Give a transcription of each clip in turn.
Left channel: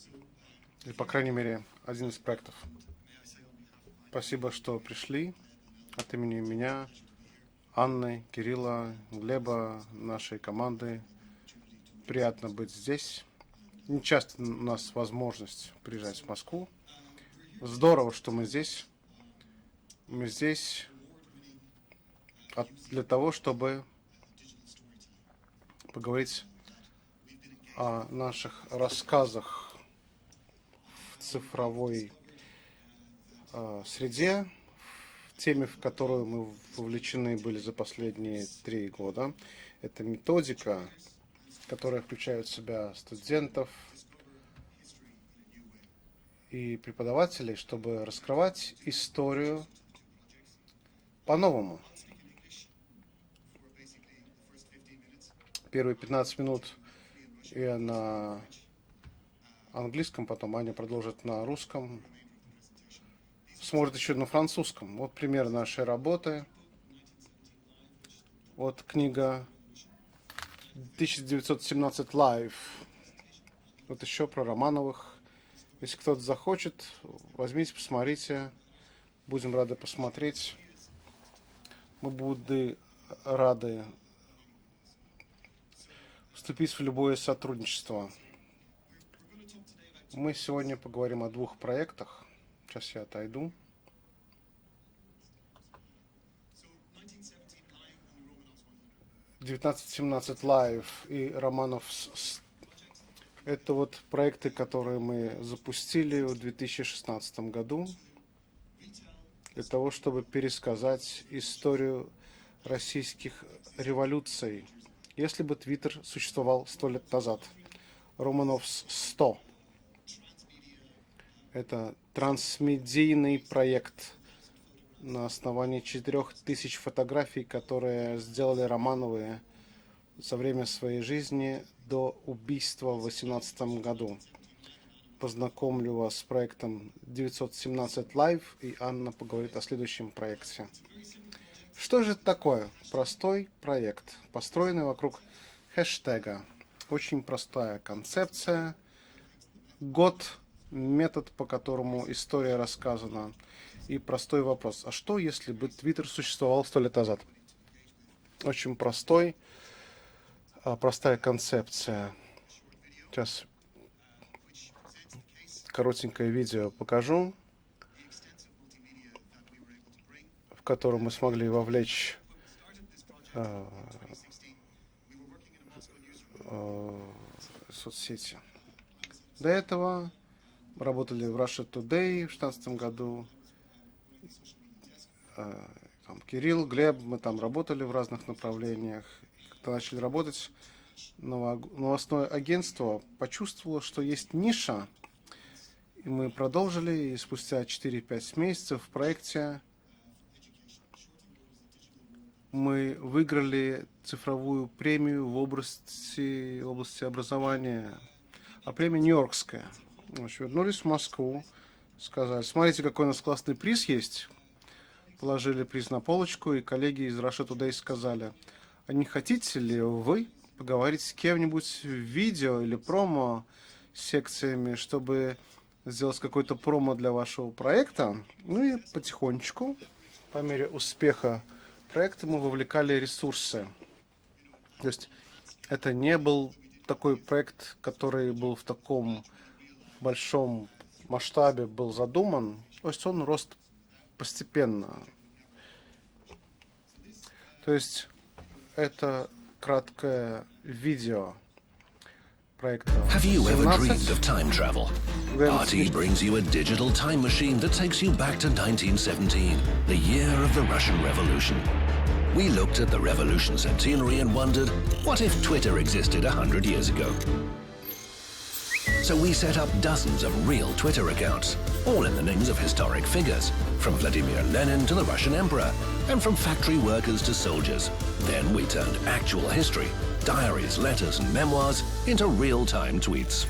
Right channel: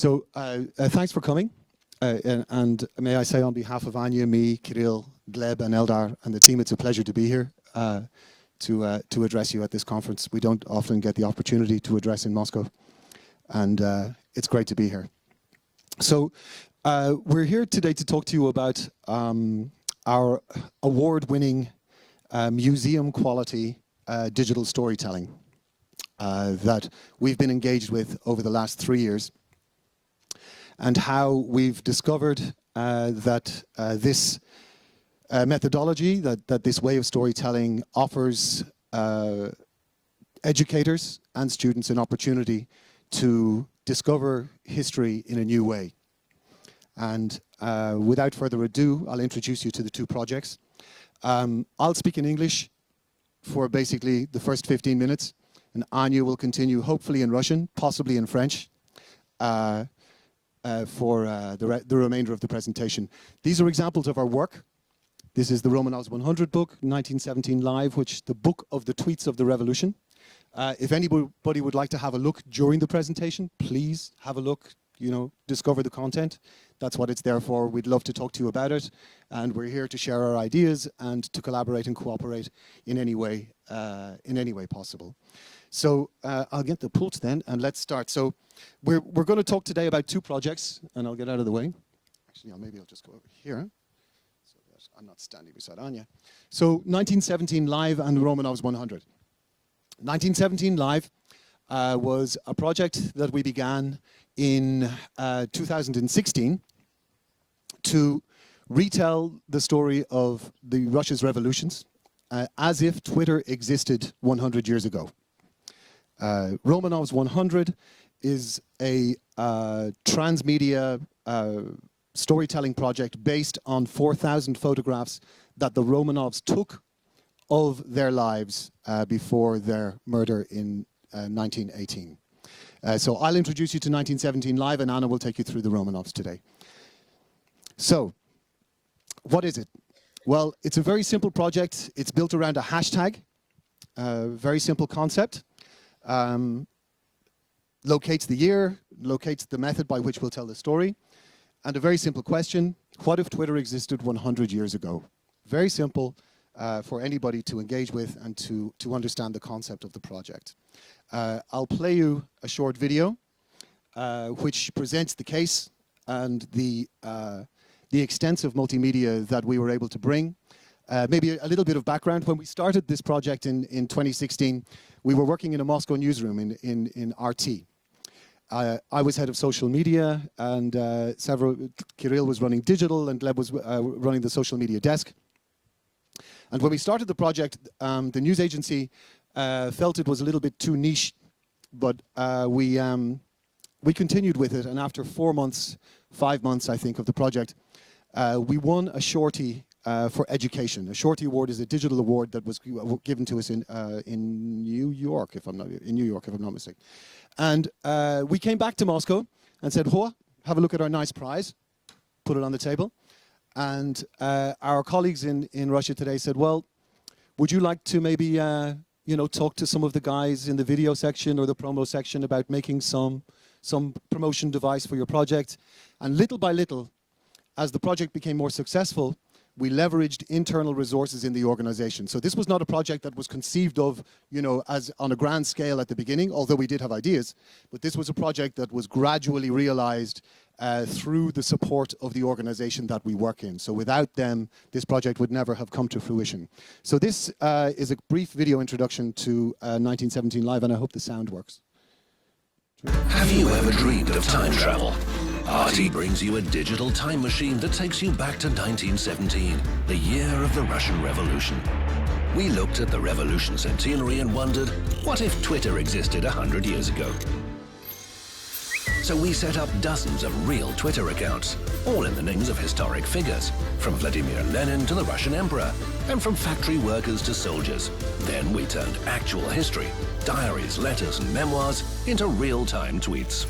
Thanks for coming. And may I say on behalf of Anya, me, Kirill, Gleb, and Eldar, and the team, it's a pleasure to be here to address you at this conference. We don't often get the opportunity to address in Moscow, and it's great to be here. So we're here today to talk to you about our award-winning museum-quality digital storytelling that we've been engaged with over the last 3 years, and how we've discovered that this methodology, that this way of storytelling offers educators and students an opportunity to discover history in a new way. And without further ado, I'll introduce you to the two projects. I'll speak in English for basically the first 15 minutes. Anya will continue, hopefully in Russian, possibly in French, for the remainder of the presentation. These are examples of our work. This is the Romanovs 100 book, 1917 Live, which the book of the tweets of the revolution. If anybody would like to have a look during the presentation, please have a look, discover the content. That's what it's there for. We'd love to talk to you about it. And we're here to share our ideas and to collaborate and cooperate in any way possible. So I'll get to the point then, and let's start. So we're going to talk today about two projects, and I'll get out of the way. Here. I'm not standing beside Anya. So 1917 Live and Romanovs 100. 1917 Live was a project that we began in 2016 to retell the story of Russia's revolutions as if Twitter existed 100 years ago. Romanovs 100 is a transmedia storytelling project based on 4,000 photographs that the Romanovs took of their lives before their murder in 1918. So I'll introduce you to 1917 Live, and Anna will take you through the Romanovs today. So, what is it? Well, it's a very simple project. It's built around a hashtag, very simple concept. Locates the year, locates the method by which we'll tell the story, and a very simple question: what if Twitter existed 100 years ago? Very simple for anybody to engage with and to understand the concept of the project. I'll play you a short video which presents the case and the extensive multimedia that we were able to bring. Maybe a little bit of background. When we started this project in 2016, we were working in a Moscow newsroom in RT. I was head of social media, and Kirill was running digital, and Gleb was running the social media desk. And when we started the project, the news agency felt it was a little bit too niche, but we continued with it, and after 4 months, 5 months, I think, of the project, we won a Shorty for education. A Shorty award is a digital award that was given to us in New York, if I'm not mistaken. And we came back to Moscow and said, have a look at our nice prize. Put it on the table, and our colleagues in Russia today said, well, would you like to maybe talk to some of the guys in the video section or the promo section about making some promotion device for your project? And little by little, as the project became more successful, we leveraged internal resources in the organization. So this was not a project that was conceived of, as on a grand scale at the beginning, although we did have ideas. But this was a project that was gradually realized through the support of the organization that we work in. So without them, this project would never have come to fruition. So this is a brief video introduction to 1917 Live, and I hope the sound works. Have you ever dreamed of time travel? RT brings you a digital time machine that takes you back to 1917, the year of the Russian Revolution. We looked at the revolution centenary and wondered, what if Twitter existed 100 years ago? So we set up dozens of real Twitter accounts, all in the names of historic figures, from Vladimir Lenin to the Russian Emperor, and from factory workers to soldiers. Then we turned actual history, diaries, letters, and memoirs into real-time tweets.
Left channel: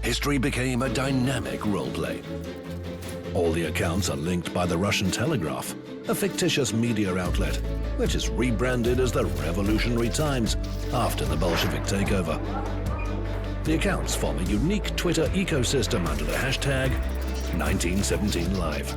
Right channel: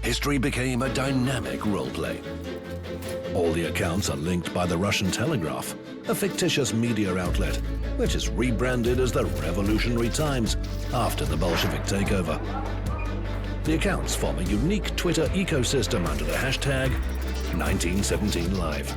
History became a dynamic role-play. All the accounts are linked by the Russian Telegraph, a fictitious media outlet, which is rebranded as the Revolutionary Times after the Bolshevik takeover. The accounts form a unique Twitter ecosystem under the hashtag 1917Live.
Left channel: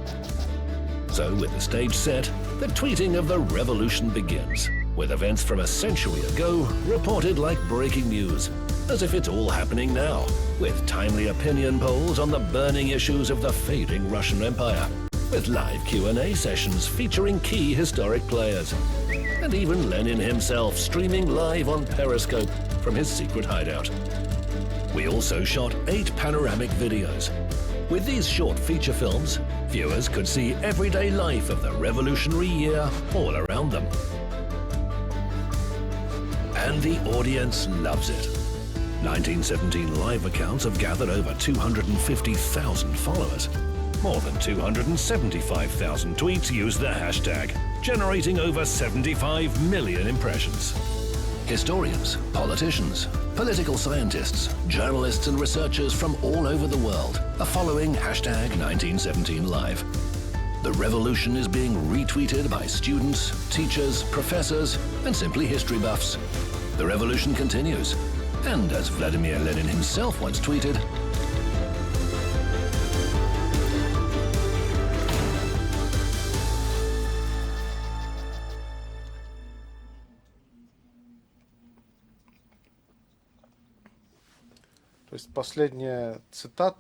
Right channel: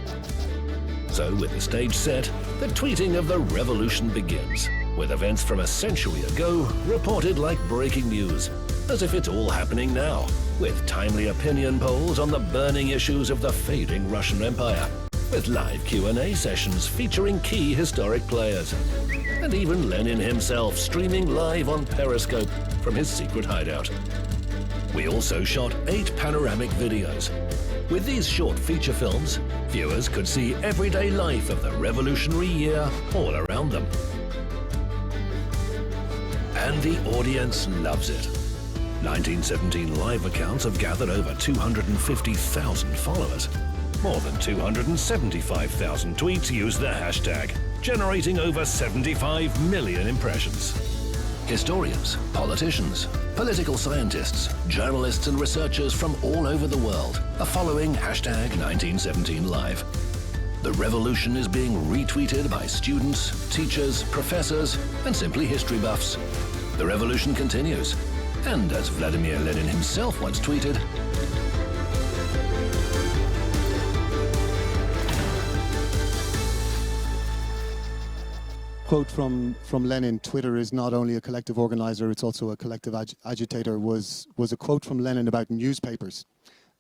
So with the stage set, the tweeting of the revolution begins, with events from a century ago reported like breaking news, as if it's all happening now, with timely opinion polls on the burning issues of the fading Russian Empire, with live Q&A sessions featuring key historic players, and even Lenin himself streaming live on Periscope from his secret hideout. We also shot 8 panoramic videos. With these short feature films, viewers could see everyday life of the revolutionary year all around them. And the audience loves it. 1917 Live accounts have gathered over 250,000 followers. More than 275,000 tweets use the hashtag, generating over 75 million impressions. Historians, politicians, political scientists, journalists and researchers from all over the world are following hashtag 1917Live. The revolution is being retweeted by students, teachers, professors, and simply history buffs. The revolution continues. And as Vladimir Lenin himself once tweeted, quote from Lenin, Twitter is not only a collective organizer, it's also a collective agitator, was a quote from Lenin about the newspapers. But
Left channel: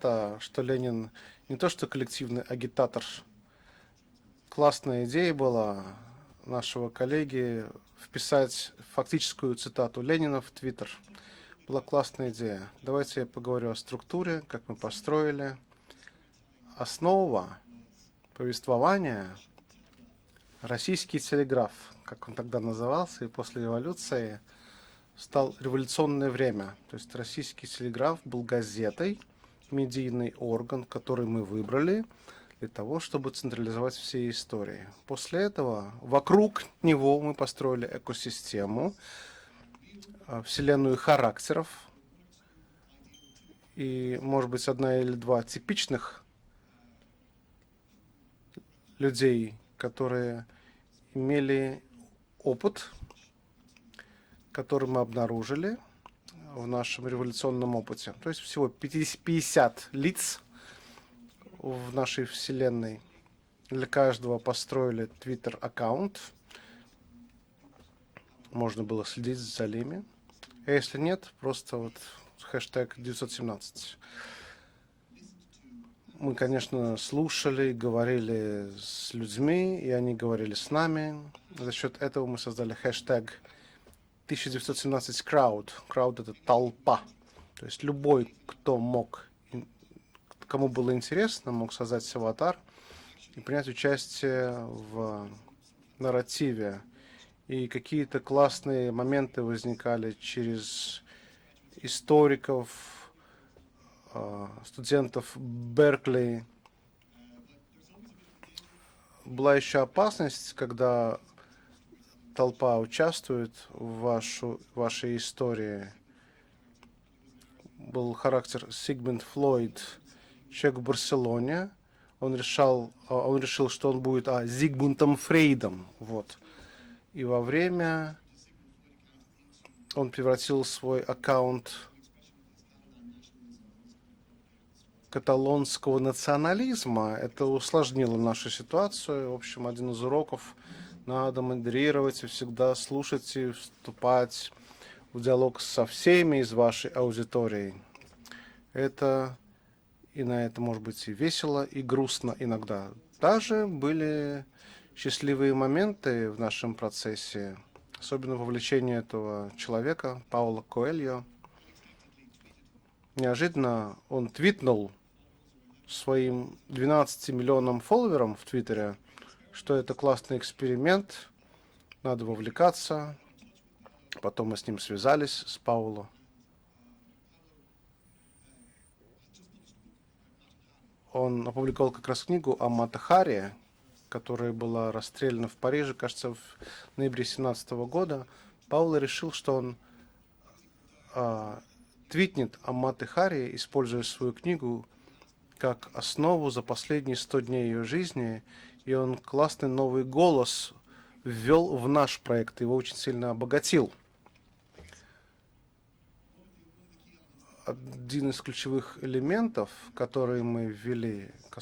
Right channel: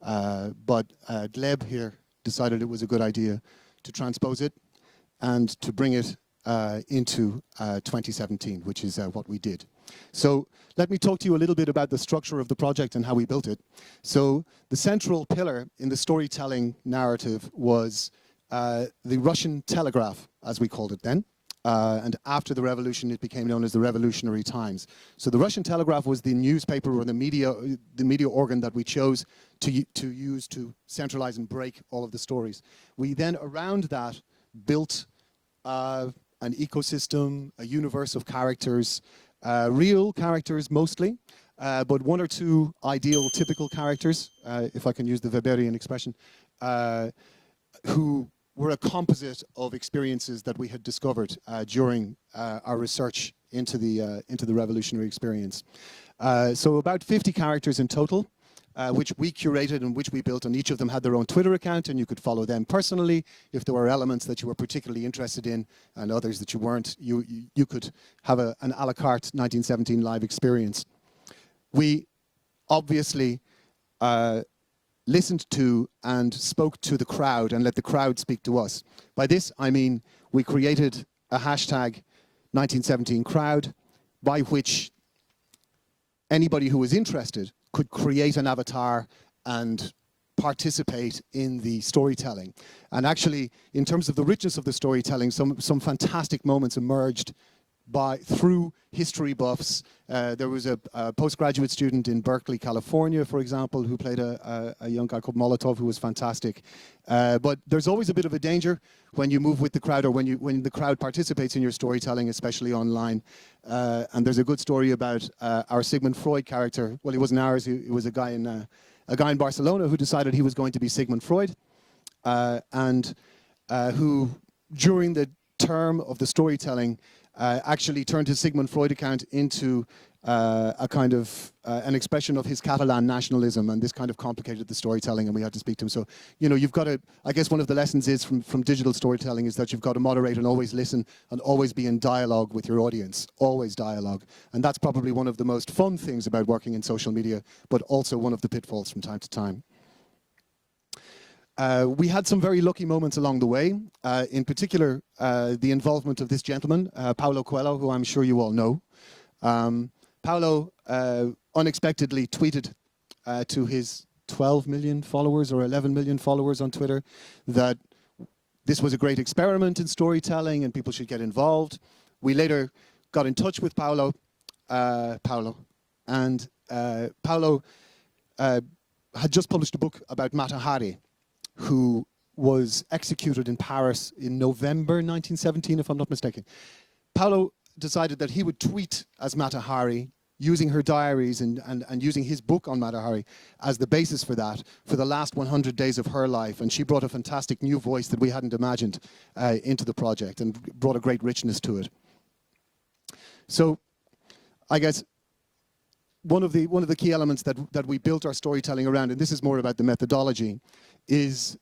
Gleb here decided it was a good idea to transpose it and to bring it into 2017, which is what we did. So let me talk to you a little bit about the structure of the project and how we built it. So the central pillar in the storytelling narrative was the Russian telegraph, as we called it then, and after the revolution it became known as the Revolutionary Times. So the Russian telegraph was the newspaper or the media organ that we chose to use to centralize and break all of the stories. We then around that built an ecosystem, a universe of characters, real characters mostly, but 1 or 2 ideal typical characters, if I can use the Weberian expression, who were a composite of experiences that we had discovered during our research into the revolutionary experience. So about 50 characters in total, which we curated and which we built, and each of them had their own Twitter account, and you could follow them personally. If there were elements that you were particularly interested in and others that you weren't, you could have an a la carte 1917 live experience. We obviously listened to and spoke to the crowd and let the crowd speak to us. By this, I mean we created a hashtag 1917crowd, by which anybody who was interested could create an avatar and participate in the storytelling. And actually, in terms of the richness of the storytelling, some fantastic moments emerged through history buffs. There was a postgraduate student in Berkeley, California, for example, who played a young guy called Molotov, who was fantastic. But there's always a bit of a danger when you move with the crowd, or when the crowd participates in your storytelling, especially online. And there's a good story about our Sigmund Freud character. Well, he wasn't ours, he was a guy in Barcelona who decided he was going to be Sigmund Freud. And who, during the term of the storytelling, actually turned his Sigmund Freud account into a kind of an expression of his Catalan nationalism, and this kind of complicated the storytelling, and we had to speak to him. So, you've got to, I guess one of the lessons is from digital storytelling is that you've got to moderate and always listen and always be in dialogue with your audience, always dialogue. And that's probably one of the most fun things about working on social media, but also one one of the pitfalls from time to time. We had some very lucky moments along the way, in particular the involvement of this gentleman, Paulo Coelho, who I'm sure you all know. Paulo unexpectedly tweeted to his 12 million followers or 11 million followers on Twitter that this was a great experiment in storytelling and people should get involved. We later got in touch with Paulo, and Paulo had just published a book about Mata Hari, who was executed in Paris in November 1917, if I'm not mistaken. Paulo decided that he would tweet as Mata Hari, using her diaries and using his book on Mata Hari as the basis for that, for the last 100 days of her life. And she brought a fantastic new voice that we hadn't imagined into the project, and brought a great richness to it. So, I guess, one of the key elements that we built our storytelling around, and this is more about the methodology, is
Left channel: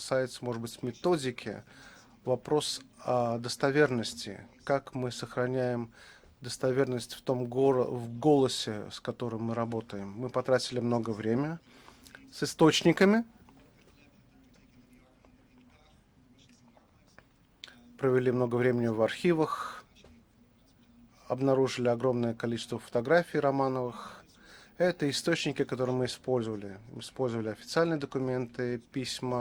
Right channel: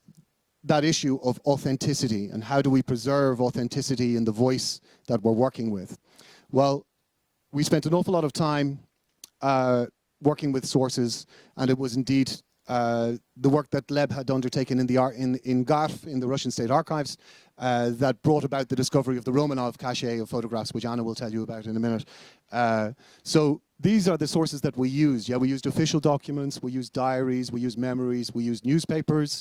that issue of authenticity and how do we preserve authenticity in the voice that we're working with. Well, we spent an awful lot of time working with sources, and it was indeed the work that Leb had undertaken in GARF, in the Russian State Archives, that brought about the discovery of the Romanov cache of photographs, which Anna will tell you about in a minute. So these are the sources that we used. Yeah, we used official documents, we used diaries, we used memories, we used newspapers.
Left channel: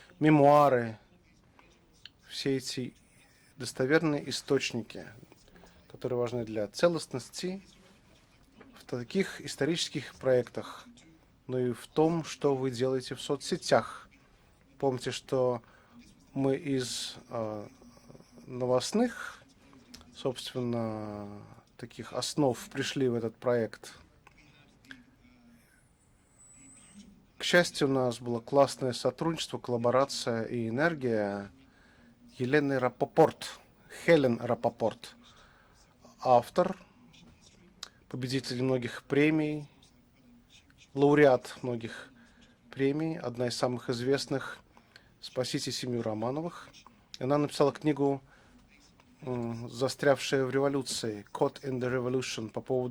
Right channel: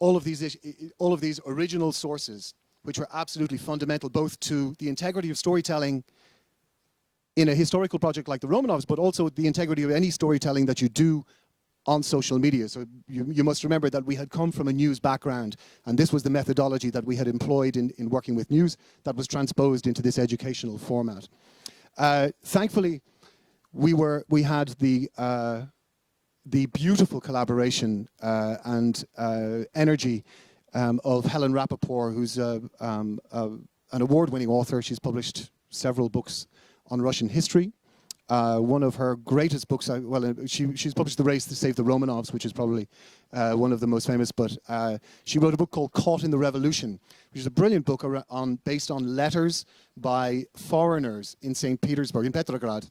All of these original sources, which were absolutely fundamental both to the integrity of storytelling in a historical project like the Romanovs, but also the integrity of any storytelling that you do on social media. So you must remember that we had come from a news background, and this was the methodology that we had employed in working with news that was transposed into this educational format. Thankfully, we had the beautiful collaboration and energy of Helen Rappaport, who's an award-winning author. She's published several books on Russian history. One of her greatest books, she's published The Race to Save the Romanovs, which is probably one of the most famous, but she wrote a book called Caught in the Revolution. It's a brilliant book based on letters by foreigners in St. Petersburg, in Petrograd,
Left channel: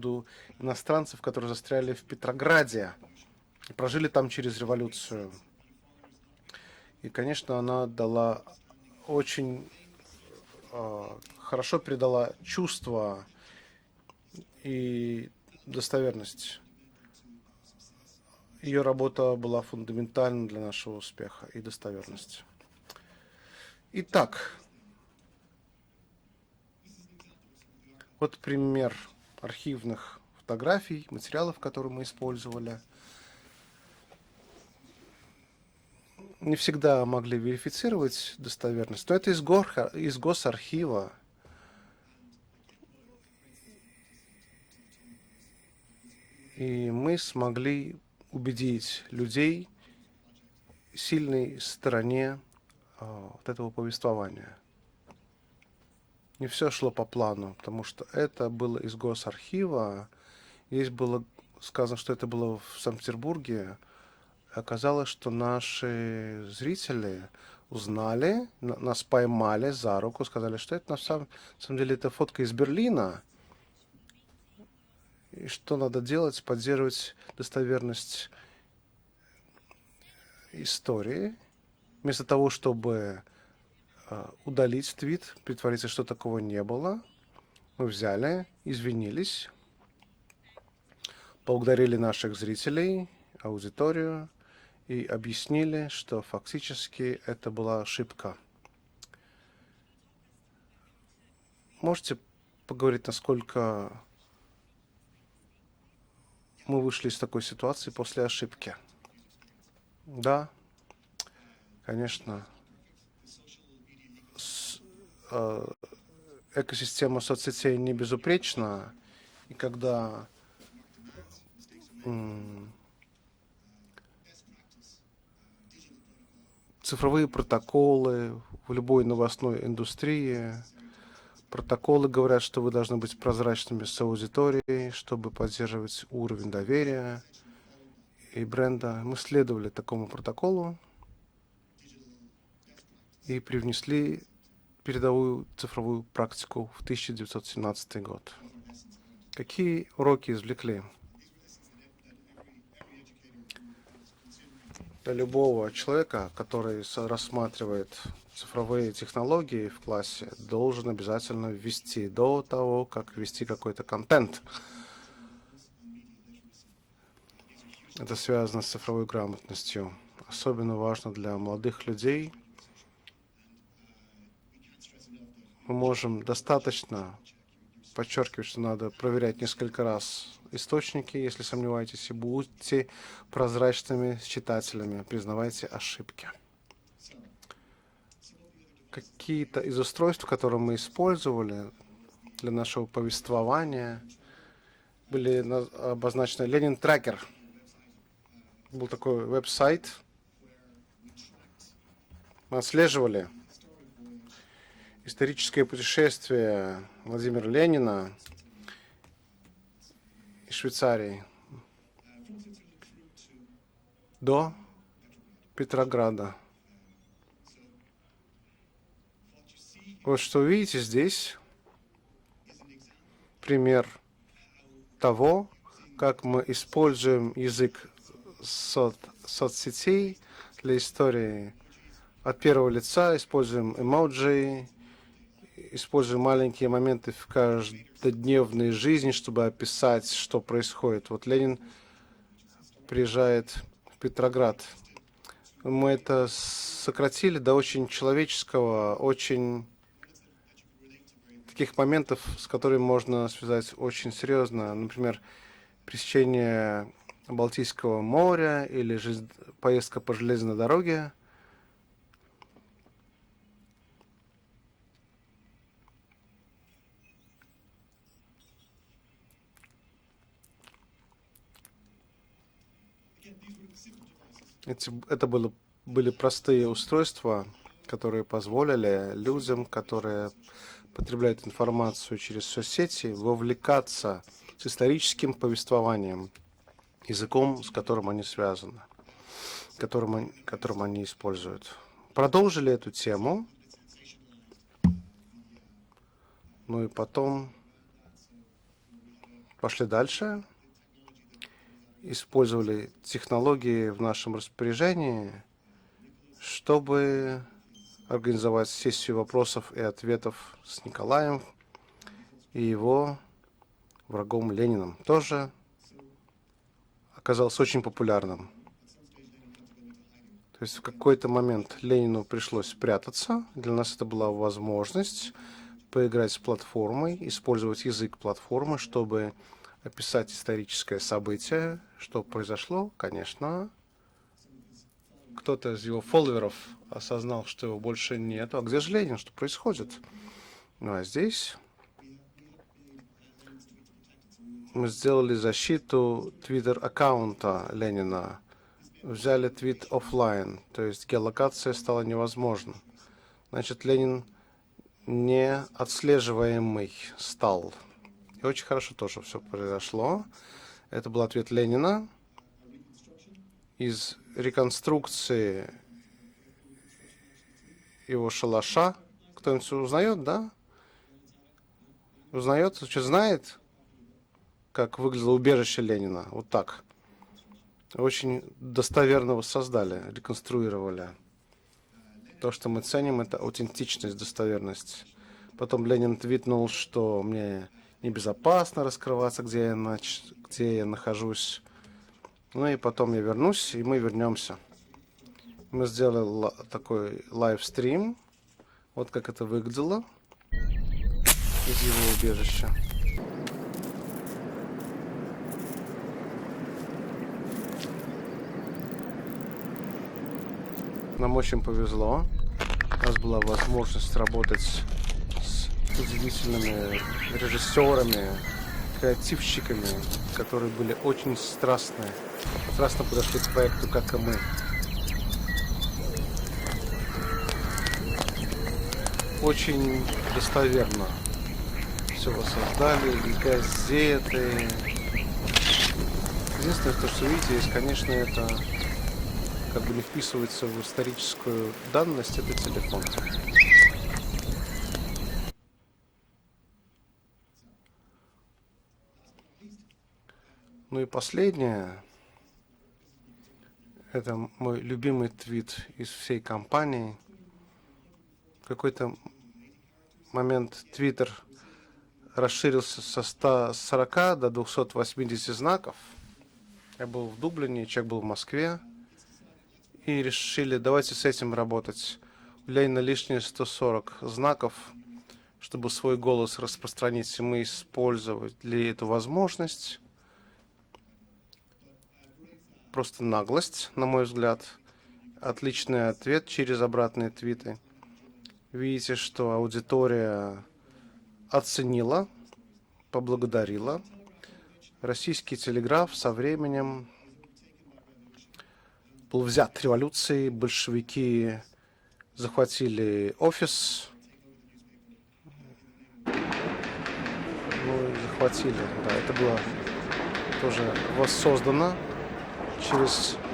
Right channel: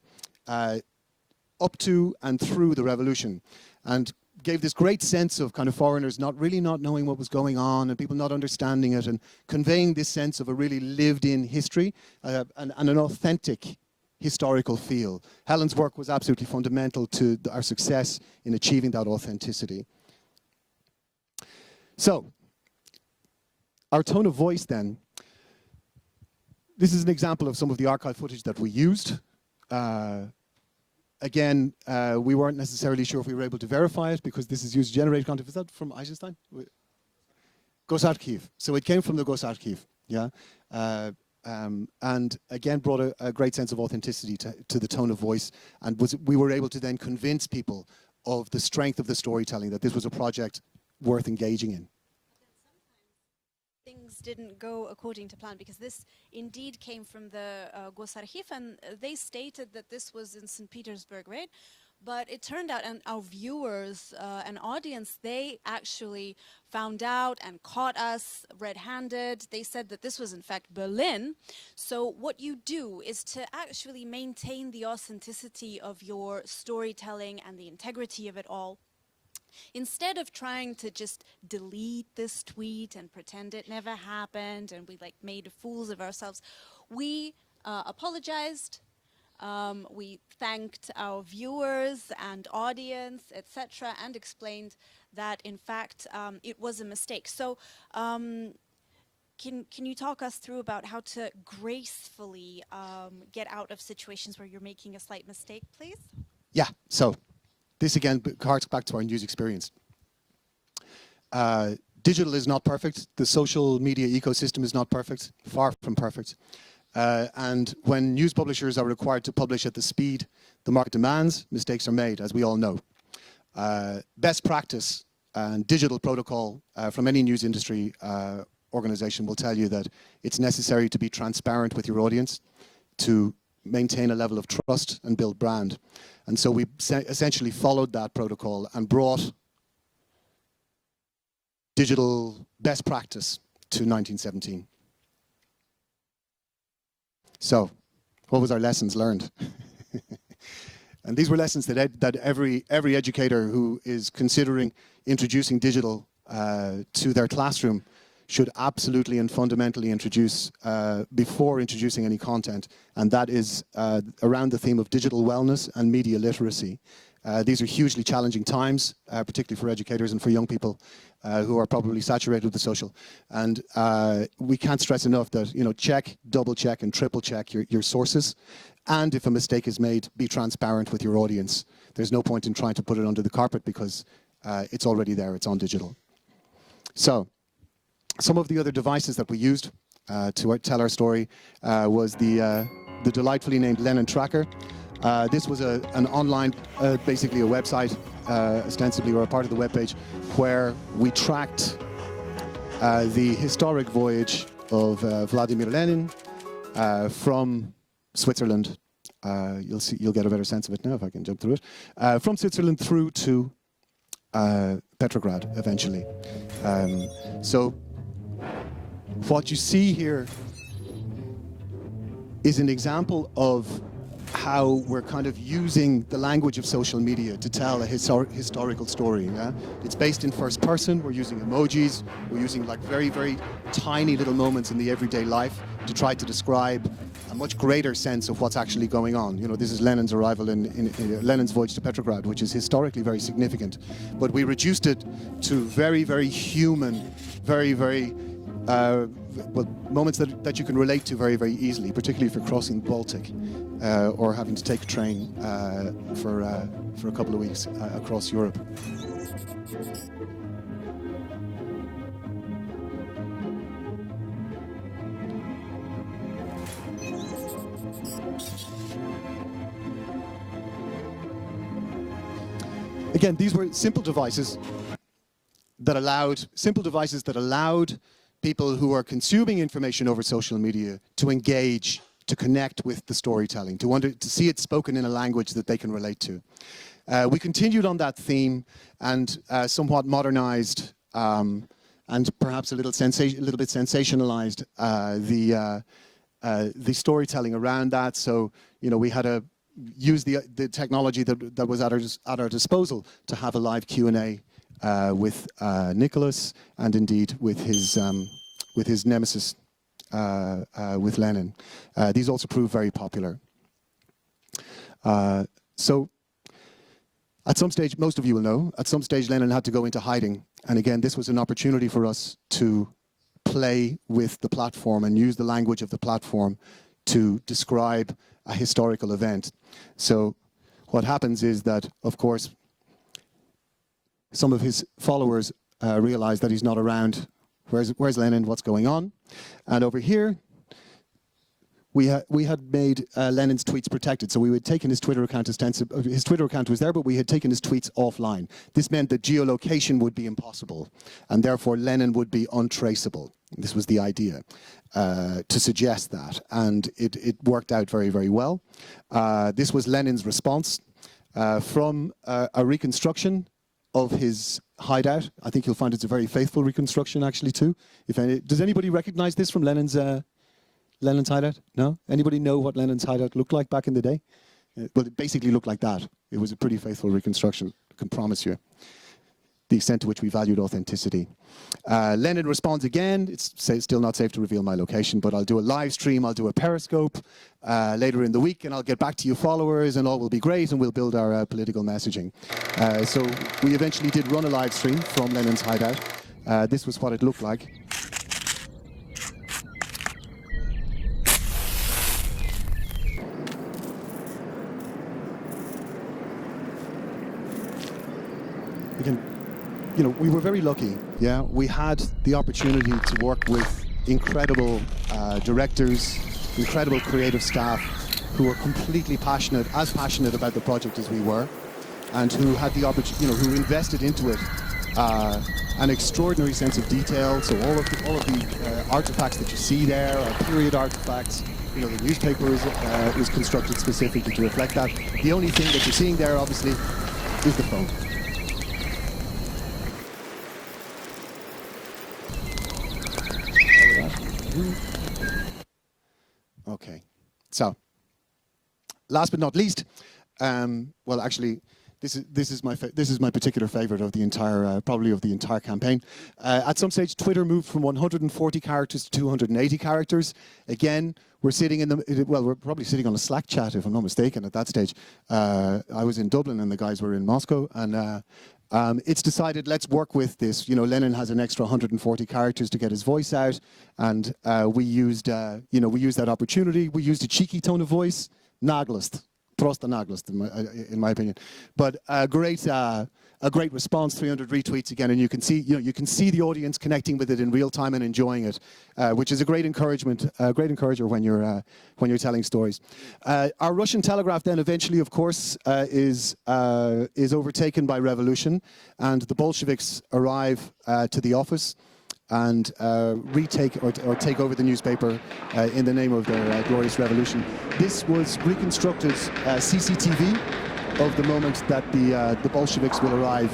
up to and through the revolution. And gave this great sense of kind of foreigners not knowing what was going on, and people not understanding it, and conveying this sense of a really lived-in history and an authentic historical feel. Helen's work was absolutely fundamental to our success in achieving that authenticity. So, our tone of voice then. This is an example of some of the archive footage that we used. Again, we weren't necessarily sure if we were able to verify it because this is user-generated content. Is that from Eisenstein? Не всегда могли верифицировать. So it came from the Gosarchiv. And again brought a great sense of authenticity to the tone of voice, and we were able to then convince people of the strength of the storytelling, that this was a project worth engaging in. Этого повествования. Не все шло по плану, потому что это было из Госархива. Здесь было сказано, что это было в Санкт-Петербурге. Оказалось, что наши зрители узнали, нас поймали за руку, сказали, что это на самом деле это фотка из Берлина. И что надо делать, поддерживать достоверность истории, вместо того, чтобы удалить твит, притвориться, что такого не было, мы взяли, извинились, поблагодарили наших зрителей, аудиторию и объяснили, что фактически это была ошибка. Можете поговорить, насколько мы вышли из такой ситуации this again после harks ошибки? back to our news experience. Да. Digital is not perfect. The social media ecosystem is not perfect. Far from perfect. And when news publishers are required to publish at the speed the market demands, mistakes are made, as we all know. Best practice and digital protocol from any news industry organization will tell you that it's necessary to be transparent with your audience, to maintain a level of trust and build brand. And so we essentially followed that protocol and brought digital best practice to 1917. Передовую цифровую практику в 1917 год. What was our lessons learned? Какие уроки извлекли? And these were lessons that every educator who is considering introducing digital to their classroom should absolutely and fundamentally introduce before introducing any content, and that is around the theme of digital wellness and media literacy. These are hugely challenging times, particularly for educators and for young people who are probably saturated with the social. And we can't stress enough that, check, double check and triple check your sources. And if a mistake is made, be transparent with your audience. There's no point in trying to put it under the carpet because it's already there, it's on digital. So, some of the other devices that we used to tell our story was the delightfully named Lenin Tracker. This was an online, basically a website, ostensibly or part of the webpage, where we tracked the historic voyage of Vladimir Lenin from Switzerland you'll get a better sense of it. I can jump through it. From Switzerland through to Petrograd eventually. So what you see here is an example of how we're kind of using the language of social media to tell a historical story. It's based in first person, we're using emojis, we're using like very tiny little moments in the everyday life to try to describe a much greater sense of what's actually going on. You know, this is Lenin's arrival in Lenin's voyage to Petrograd, which is historically very significant. But we reduced it to very, very human, very, moments that you can relate to very, very easily, particularly for crossing the Baltic. Or having to take a train for a couple of weeks across Europe. Или же поездка по железной дороге. Again, these were simple devices that allowed people who are consuming information over social media to engage, to connect with the storytelling, to see it spoken in a language that they can relate to. We continued on that theme and somewhat modernized and perhaps a little bit sensationalized the storytelling around that. So, you know, we had to use the technology that was at our disposal to have a live Q&A with Nicholas and indeed with his nemesis, with Lenin. These also proved very popular. So, at some stage, most of you will know, at some stage Lenin had to go into hiding. And again, this was an opportunity for us to play with the platform and use the language of the platform to describe a historical event. So what happens is that, of course, some of his followers realize that he's not around. Where's Lenin? What's going on? And over here, we had made Lenin's tweets protected, so we would take his Twitter account ostensibly. His Twitter account was there, but we had taken his tweets offline. This meant that geolocation would be impossible, and therefore Lenin would be untraceable. This was the idea to suggest that, and it worked out very, very well. This was Lenin's response from a reconstruction of his hideout. I think you'll find it's a very faithful reconstruction, actually, too. Does anybody recognize this from Lenin's hideout? No? Anybody know what Lenin's hideout looked like back in the day? It basically looked like that. It was a pretty faithful reconstruction, I promise you. The extent to which we valued authenticity. Lenin responds again, it's still not safe to reveal my location, but I'll do a live stream, I'll do a Periscope later in the week, and I'll get back to you followers, and all will be great, and we'll build our political messaging. So we eventually did run a live stream from Lenin's hideout. This was what it looked like. Again, you know, we were very lucky. Yeah? We had the opportunity to work with incredible directors, incredible creative staff who were completely passionate, as passionate about the project as we were, and who had the opportunity, who invested into it an extraordinary sense of detail. So all of the artifacts that you see there are period artifacts. You know, the newspaper is constructed specifically to reflect that. The only thing that you're seeing there, obviously, is the Okay, so last but not least, well, actually, this is my particular favorite of the entire, probably of the entire campaign. At some stage, Twitter moved from 140 characters to 280 characters. Again, we're sitting in the we're probably sitting on a Slack chat, if I'm not mistaken, at that stage. I was in Dublin and the guys were in Moscow, and it's decided let's work with this. You know, Lenin has an extra 140 characters to get his voice out, and we used that opportunity. We used a cheeky tone of voice, naglость, просто наглость. In my opinion, but a great response, 300 retweets again, and you can see the audience connecting with it in real time and enjoying it, which is a great encouragement, a great encourager when you're telling stories. Our Russian telegraph then eventually, of course, is overtaken by revolution, and the Bolsheviks arrive to the office. and retake or take over the newspaper in the name of the glorious revolution. This was reconstructed CCTV of the moment that the Bolsheviks will arrive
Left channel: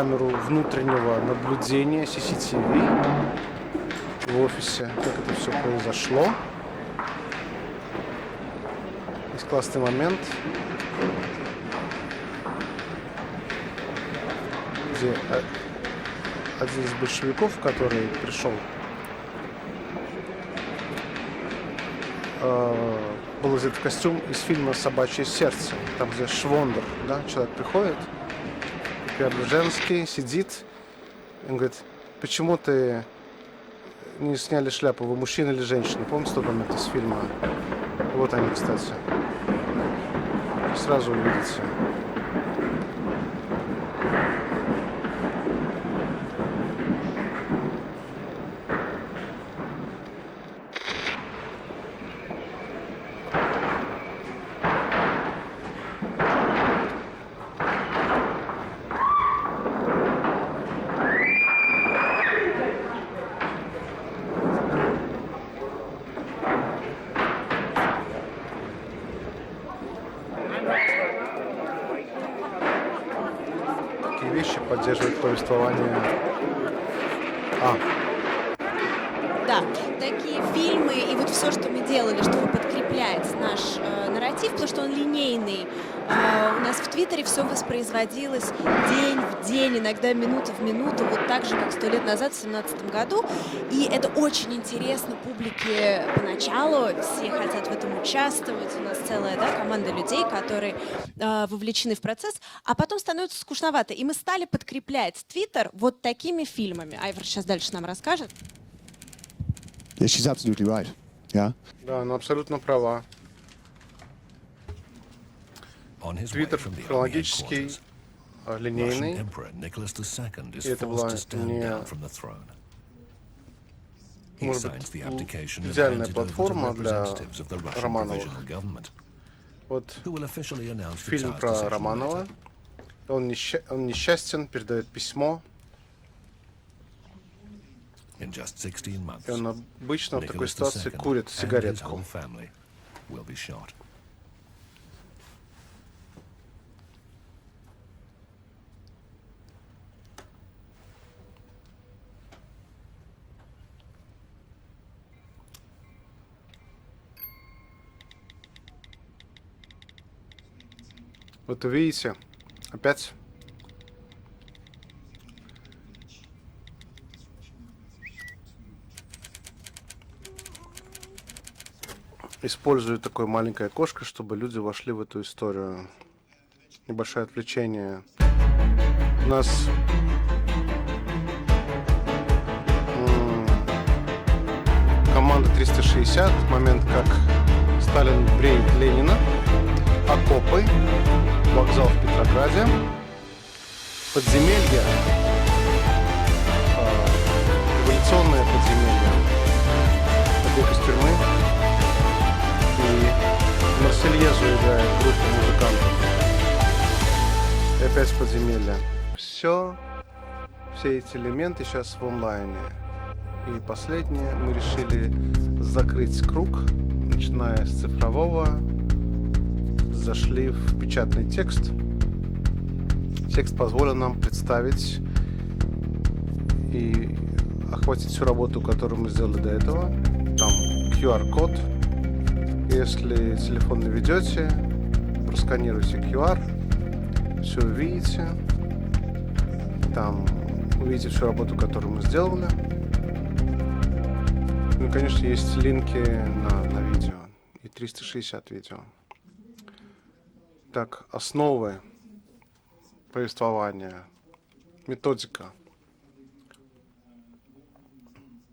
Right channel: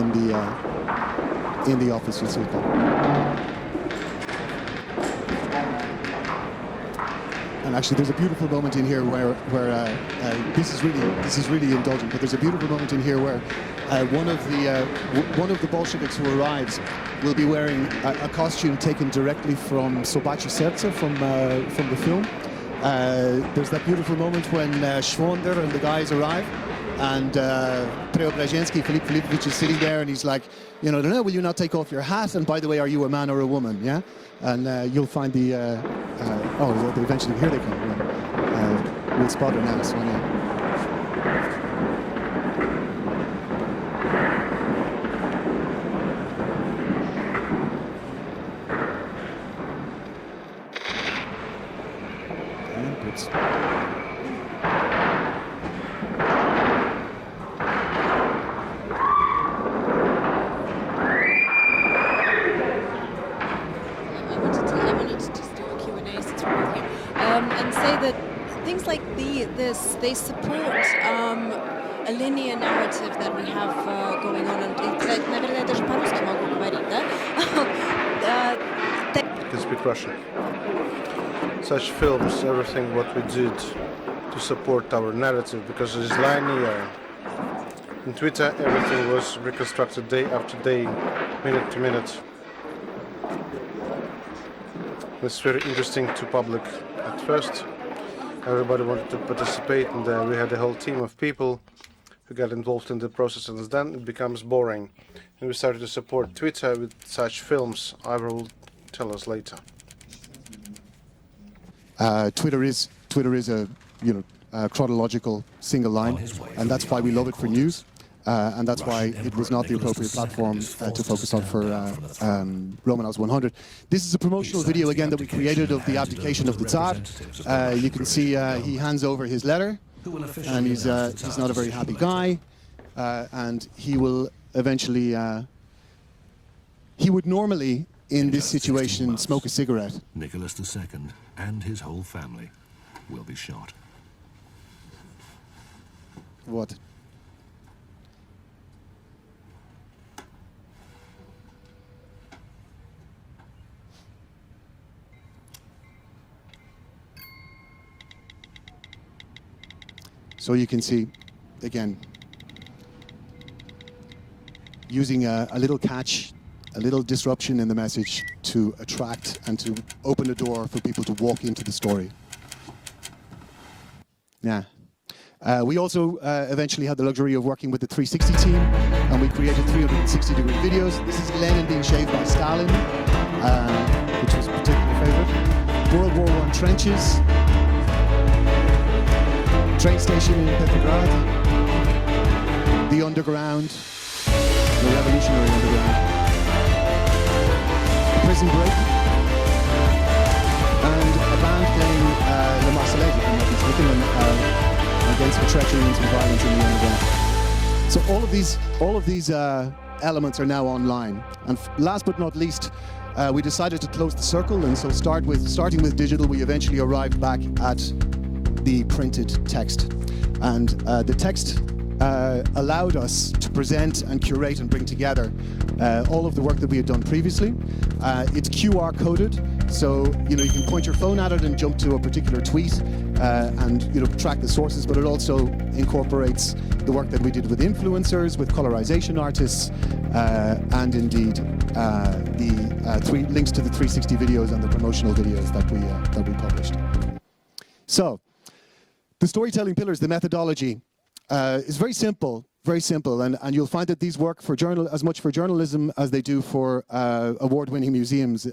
in the office. And actually, there's a beautiful moment in here where this is really indulgent. But there's a beautiful moment in here where one of the Bolsheviks who arrives will be wearing a costume taken directly from Sobachi Serce from the film. There's that beautiful moment when Schwander and the guys arrive, and Preobrazhensky, Philippe Philippovich is sitting there, and he's like, you know, will you not take off your hat? And by the way, are you a man or a woman? Yeah. And you'll find the eventually hear it. Вот они, кстати. We'll spot it on this one. Сразу увидите. They support a linear narrative that we have going on. Такие фильмы и вот все, что мы делаем, что подкрепляет наш нарратив, то, что он линейный. У нас в Твиттере все воспроизводилось день, иногда минуту в минуту, вот так же, как 100 лет назад, в 2017 году. И это очень интересно публике поначалу. Все хотят в этом участвовать. У нас целая команда людей, которые вовлечены в процесс, а потом становится скучновато. И мы стали подкреплять Твиттер вот такими фильмами. Айвар сейчас дальше нам расскажет. Tell us later. Yeah, she's absolutely right. Yeah, Twitter is a chronological single line, and that's why we love it for news, and that's why it was not the appropriate platform to focus on for Romanov's 100. This is a promotional video again that we created of the application of the Tsar. You can see he hands over his letter, and he's not a very happy guy, and he will eventually. He would normally, in this situation, smoke a cigarette. Nicholas II and his whole family will be shot. What? So you can see. Вот видите, опять. Using a little catch. A little disruption in the message to attract and to open the door for people to walk into the story. Используют такое маленькое окошко, чтобы люди вошли в эту историю. We also eventually had the luxury of working with the 360 team, and we created 360-degree videos. This is Lenin being shaved by Stalin, which was particularly команда 360, trenches, Сталин бреет Ленина, train station, вокзал Петрограде, the underground, подземелье. So all of these elements are now online. And last but not least, we decided to close the circle, and so starting with digital, we eventually arrived back at the printed text. And the text allowed us to present and curate and bring together all of the work that we had done previously. It's QR coded, so you can point your phone at it and jump to a particular tweet and track the sources, but it also incorporates the work that we did with influencers, with colorization artists, and indeed the links to the 360 videos and the promotional videos that we published. So, the storytelling pillars, the methodology, is very simple, and you'll find that these work for as much for journalism as they do for award-winning museums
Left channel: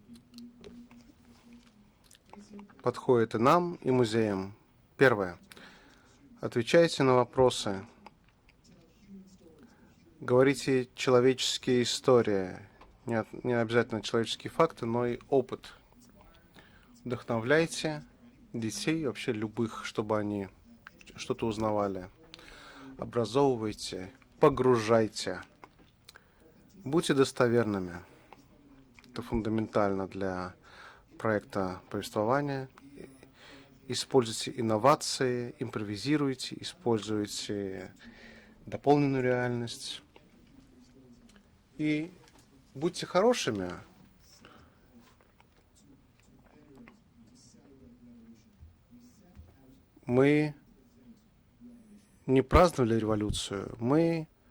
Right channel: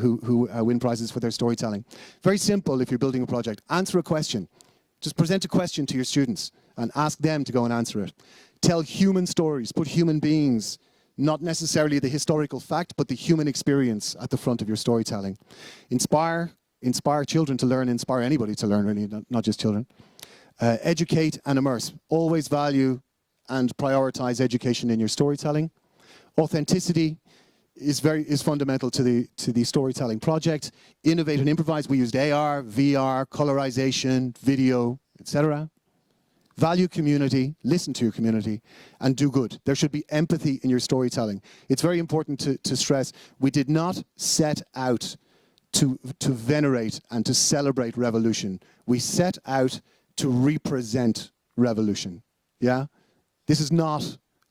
who win prizes for their storytelling. Very simple if you're building a project. Answer a question. Just present a question to your students and ask them to go and answer it. Tell human stories, put human beings, not necessarily the historical fact, but the human experience at the front of your storytelling. Inspire children to learn, inspire anybody to learn, really, not just children. Educate and immerse. Always value and prioritize education in your storytelling. Authenticity is fundamental to the storytelling project. Innovate and improvise. We used AR, VR, colorization, video, etc. Value community, listen to your community, and do good. There should be empathy in your storytelling. It's very important to stress we did not set out to venerate and to celebrate revolution. We set out to represent revolution. Yeah? This is not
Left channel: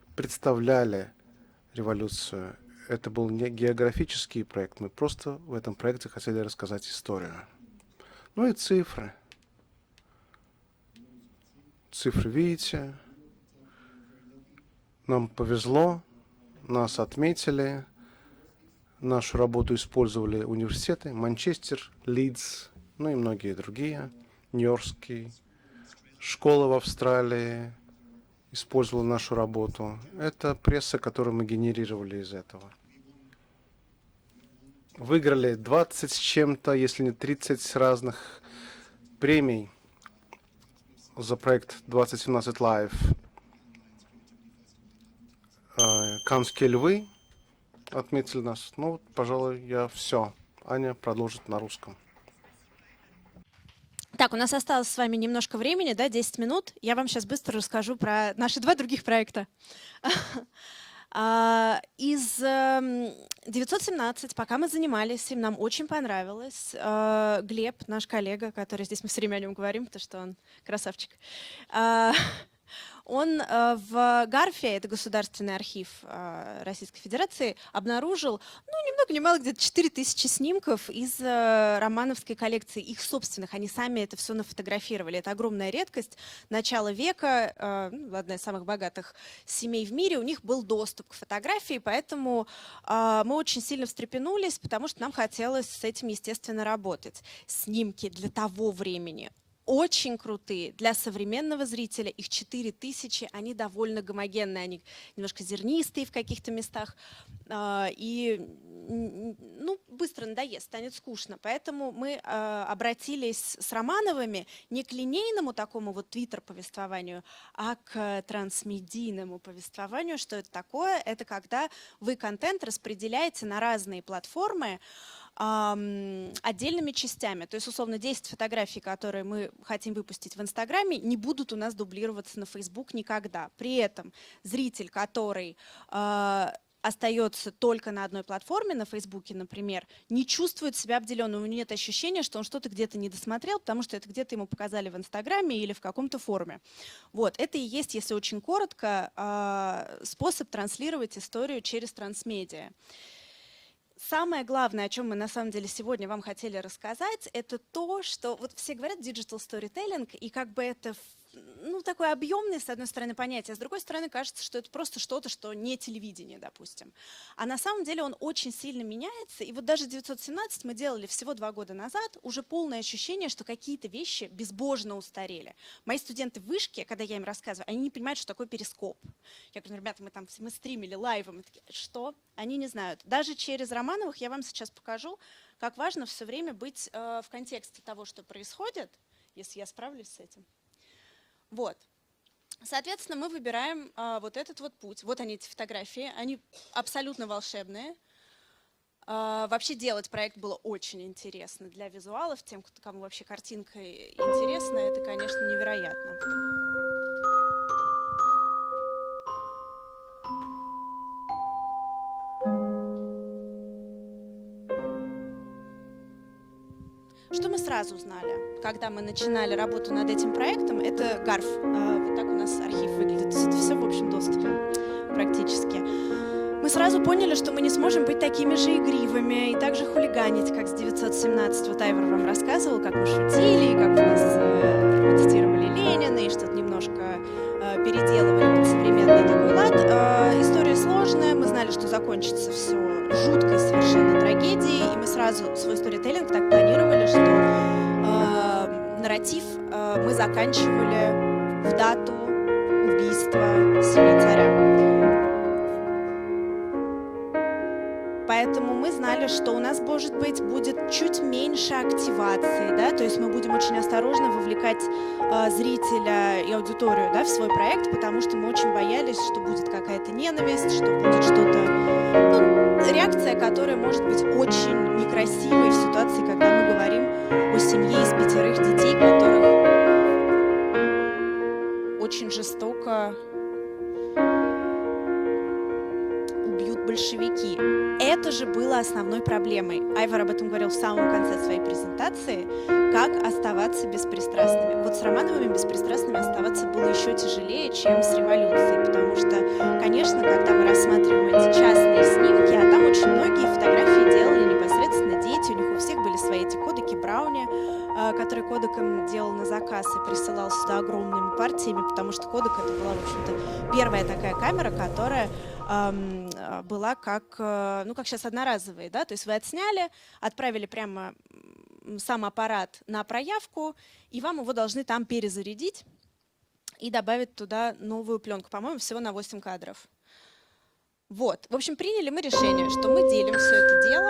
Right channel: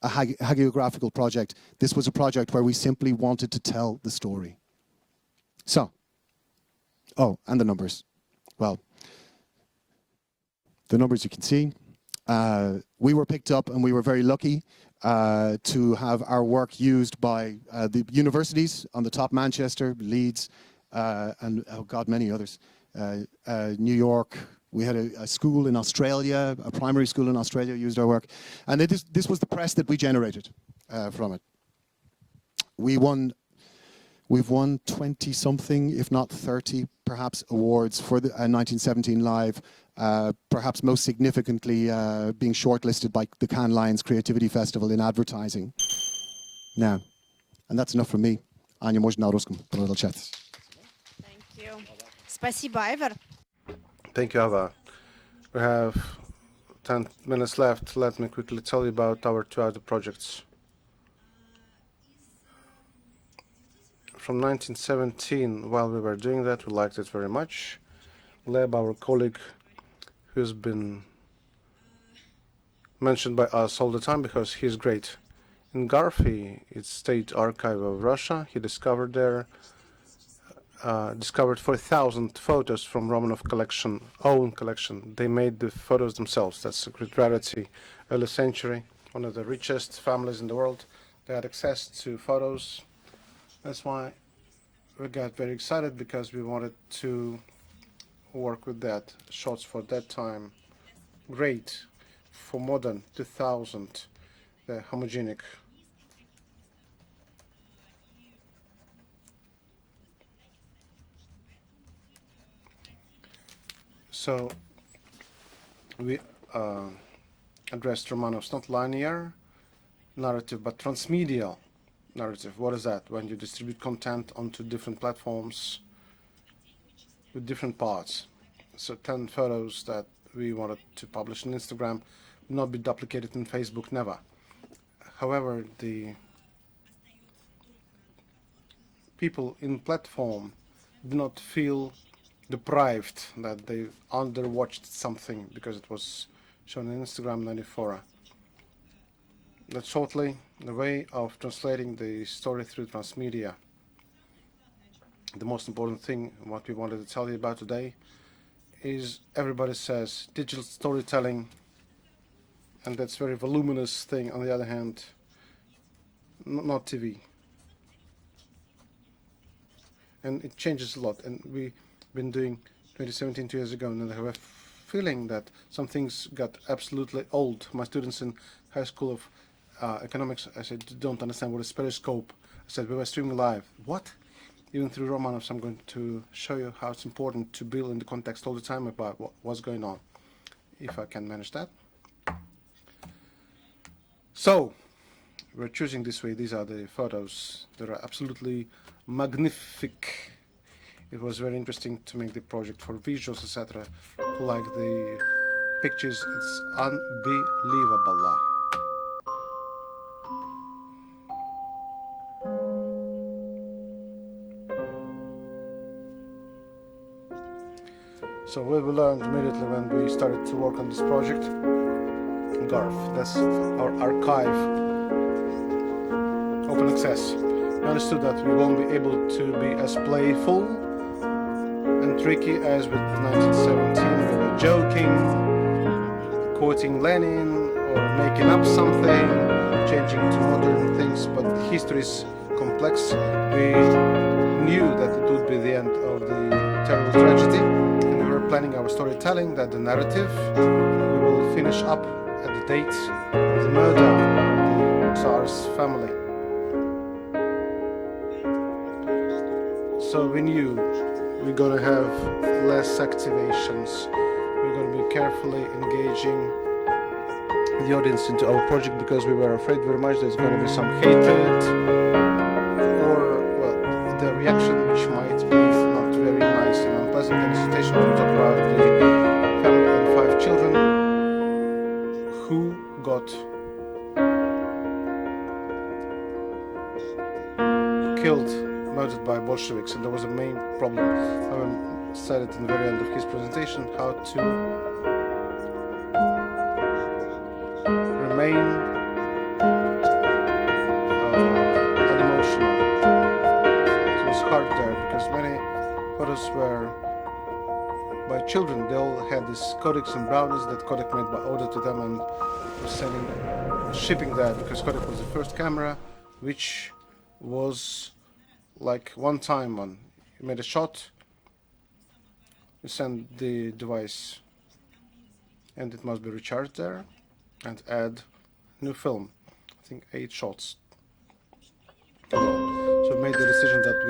a hagiographical project. This was a project where we simply wanted to tell the story. Oh, and the numbers. Well, the numbers you can see. We were picked up and we were very lucky to have our work used by the universities on the top, Manchester, Leeds, and God, many others. New York, we had a school in Australia, a primary school in Australia used our work. And this was the press that we generated. We've won 20-something, if not 30, perhaps, awards for the 1917 Live. Perhaps most significantly being shortlisted by the Cannes Lions Creativity Festival in advertising. Yeah. And that's enough for me. Аня, можно на русском продолжать. Аня продолжит на русском. Спасибо, Айвар. Так, у нас осталось с вами немножко времени, да, 10 минут. Я вам сейчас быстро расскажу про наши два других проекта. Из 917, пока мы занимались, нам очень понравилось. Глеб, наш коллега, который здесь мы все время о нем говорим, потому что он красавчик. Он в Гарфе, это государственный архив Российской Федерации, обнаружил немного, где-то 4000 снимков из романовской коллекции, их собственных. Они сами это все нафотографировали. Это огромная редкость. Начало века, одна из самых богатых семей в мире, у них был доступ к фотографии, поэтому мы очень сильно встрепенулись, потому что нам хотелось с этим, естественно, работать. Снимки для того времени очень крутые. Для современного зрителя их 4000. Они довольно гомогенные, они немножко зернистые в каких-то местах, и быстро надоест, станет скучно. Поэтому мы обратились с Романовыми не к линейному такому вот твиттер-повествованию, а к трансмедийному повествованию. Что это такое? Это когда вы контент распределяете на разные платформы отдельными частями. То есть, условно, 10 фотографий, которые мы хотим выпустить в Инстаграме, не будут у нас дублироваться на Фейсбук никогда. При этом зритель, который остается только на одной платформе, на Фейсбуке, например, не чувствует себя обделенным. У него нет ощущения, что он что-то где-то не досмотрел, потому что это где-то ему показали в Инстаграме или в каком-то форуме. Вот, это и есть, если очень коротко, способ транслировать историю через трансмедиа. Самое главное, о чем мы на самом деле сегодня вам хотели рассказать, это то, что вот все говорят digital storytelling, и как бы это такое объемное, с одной стороны, понятие, с другой стороны, кажется, что это просто что-то, что не телевидение, допустим. А на самом деле он очень сильно меняется, и вот даже 917 мы делали всего 2 года назад, уже полное ощущение, что какие-то вещи безбожно устарели. Мои студенты в вышке, когда я им рассказываю, они не понимают, что такое перископ. Я говорю, ребята, мы стримили лайв, что? Они не знают. Даже через Романовых я вам сейчас покажу, как важно все время быть в контексте того, что происходит, если я справлюсь с этим. Вот. Соответственно, мы выбираем вот этот вот путь. Вот они, эти фотографии. Они абсолютно волшебные. Вообще делать проект было очень интересно. Для визуалов, кому очень картинка интересна, это, конечно, невероятно. Что мы сразу узнали, когда мы начинали работу над этим проектом, это Гарф. Вот так у нас архив выглядит. Это все в общем доступно практически. Мы сразу поняли, что мы не сможем быть такими же игривыми и так же хулиганить, как с 917. Вот Айвар вам рассказывал, как мы шутили, как мы цитировали Ленина и что-то немножко переделали. История сложная, мы знали, что закончится все жуткой, совершенно трагедией, и мы сразу свой сторителлинг так планировали, что нарратив мы заканчивали дату убийства царя. Поэтому мы знали, что у нас, может быть, будет чуть меньше активации, да? То есть мы будем очень осторожно вовлекать зрителя и аудиторию, да, в свой проект, потому что мы очень боялись, что будет какая-то ненависть, что будет что-то большевики. Это же было основной проблемой. Айвар об этом говорил в самом конце своей презентации, как оставаться беспристрастными. Вот с Романовыми беспристрастными оставаться было еще тяжелее, чем с революцией, потому что, конечно, когда мы рассматриваем эти частные снимки, там очень многие фотографии делали непосредственно дети, у них у всех были свои эти кодеки Брауни, которые кодеком делал на заказ и присылал сюда огромными партиями, потому что кодек это была, в общем-то, первая такая камера, которая была как, ну, как сейчас одноразовые, да, то есть вы отсняли, отправили прямо сам аппарат на проявку, и вам его должны там перезарядить и добавить туда новую пленку, по-моему, всего на 8 кадров. Вот, в общем, приняли мы решение, что мы делим все это дело.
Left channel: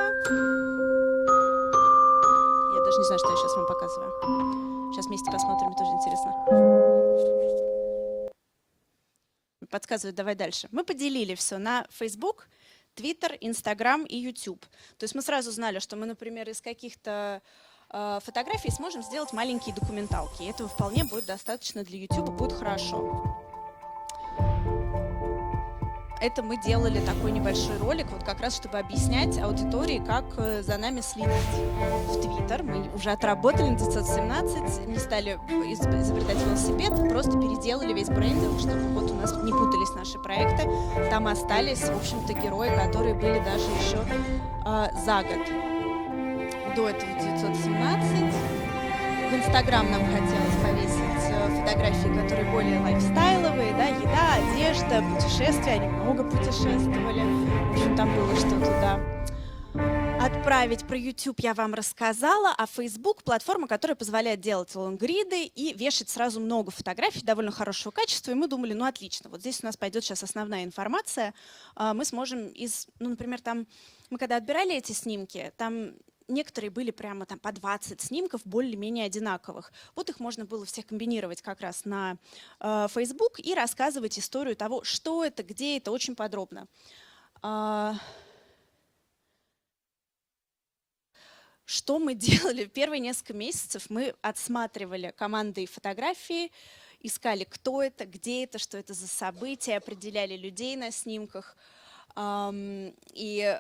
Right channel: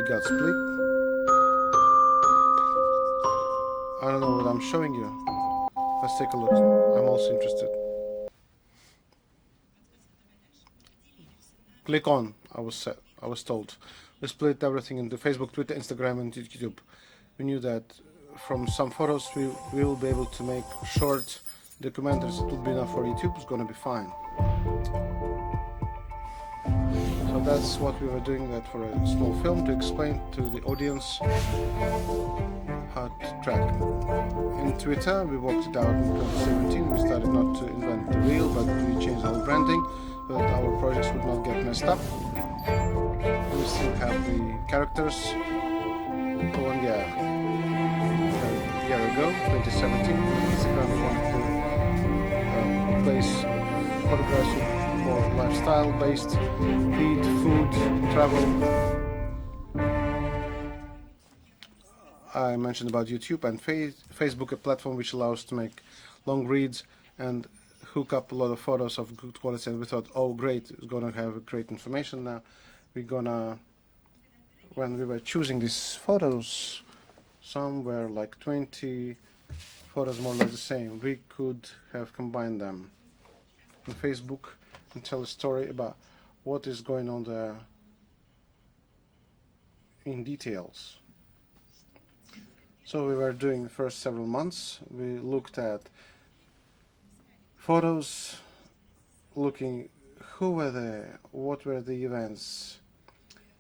Я даже не знаю, что я сейчас вам показываю. Сейчас вместе посмотрим, тоже интересно. Подсказывают, давай дальше. Мы поделили все на Facebook, Twitter, Instagram и YouTube. То есть мы сразу знали, что мы, например, из каких-то фотографий сможем сделать маленькие документалки. И этого вполне будет достаточно для YouTube, будет хорошо. Это мы делали такой небольшой ролик, вот как раз, чтобы объяснять аудитории, как за нами следить. В Twitter мы уже отработали 917, стали изобретать велосипед, просто переделали весь бренд, потому что вот у нас перепутались наши проекты. Там остались, в общем-то, герои, которые были даже еще за год до этого 917. В Инстаграм нам хотелось повесить фотографии, которые более лайфстайловые, да, еда, одежда, путешествия, они много путешествовали. Там много что туда отправить. Про YouTube я вам рассказала, а Facebook — платформа, которая позволяет делать лонгриды и вешать сразу много фотографий довольно хорошего качества. И мы думали, ну отлично, вот здесь у нас пойдет сейчас основная информация. Мы сможем из, ну, например, там, мы когда отбирали эти снимки, там некоторые были прямо там по 20 снимков более-менее одинаковых. Вот их можно было все комбинировать как раз на Facebook и рассказывать историю того, что это, где это, очень подробно. Что мы делали? Первые несколько месяцев мы отсматривали команды и фотографии, искали, кто это, где это, что это за события, определяли людей на снимках и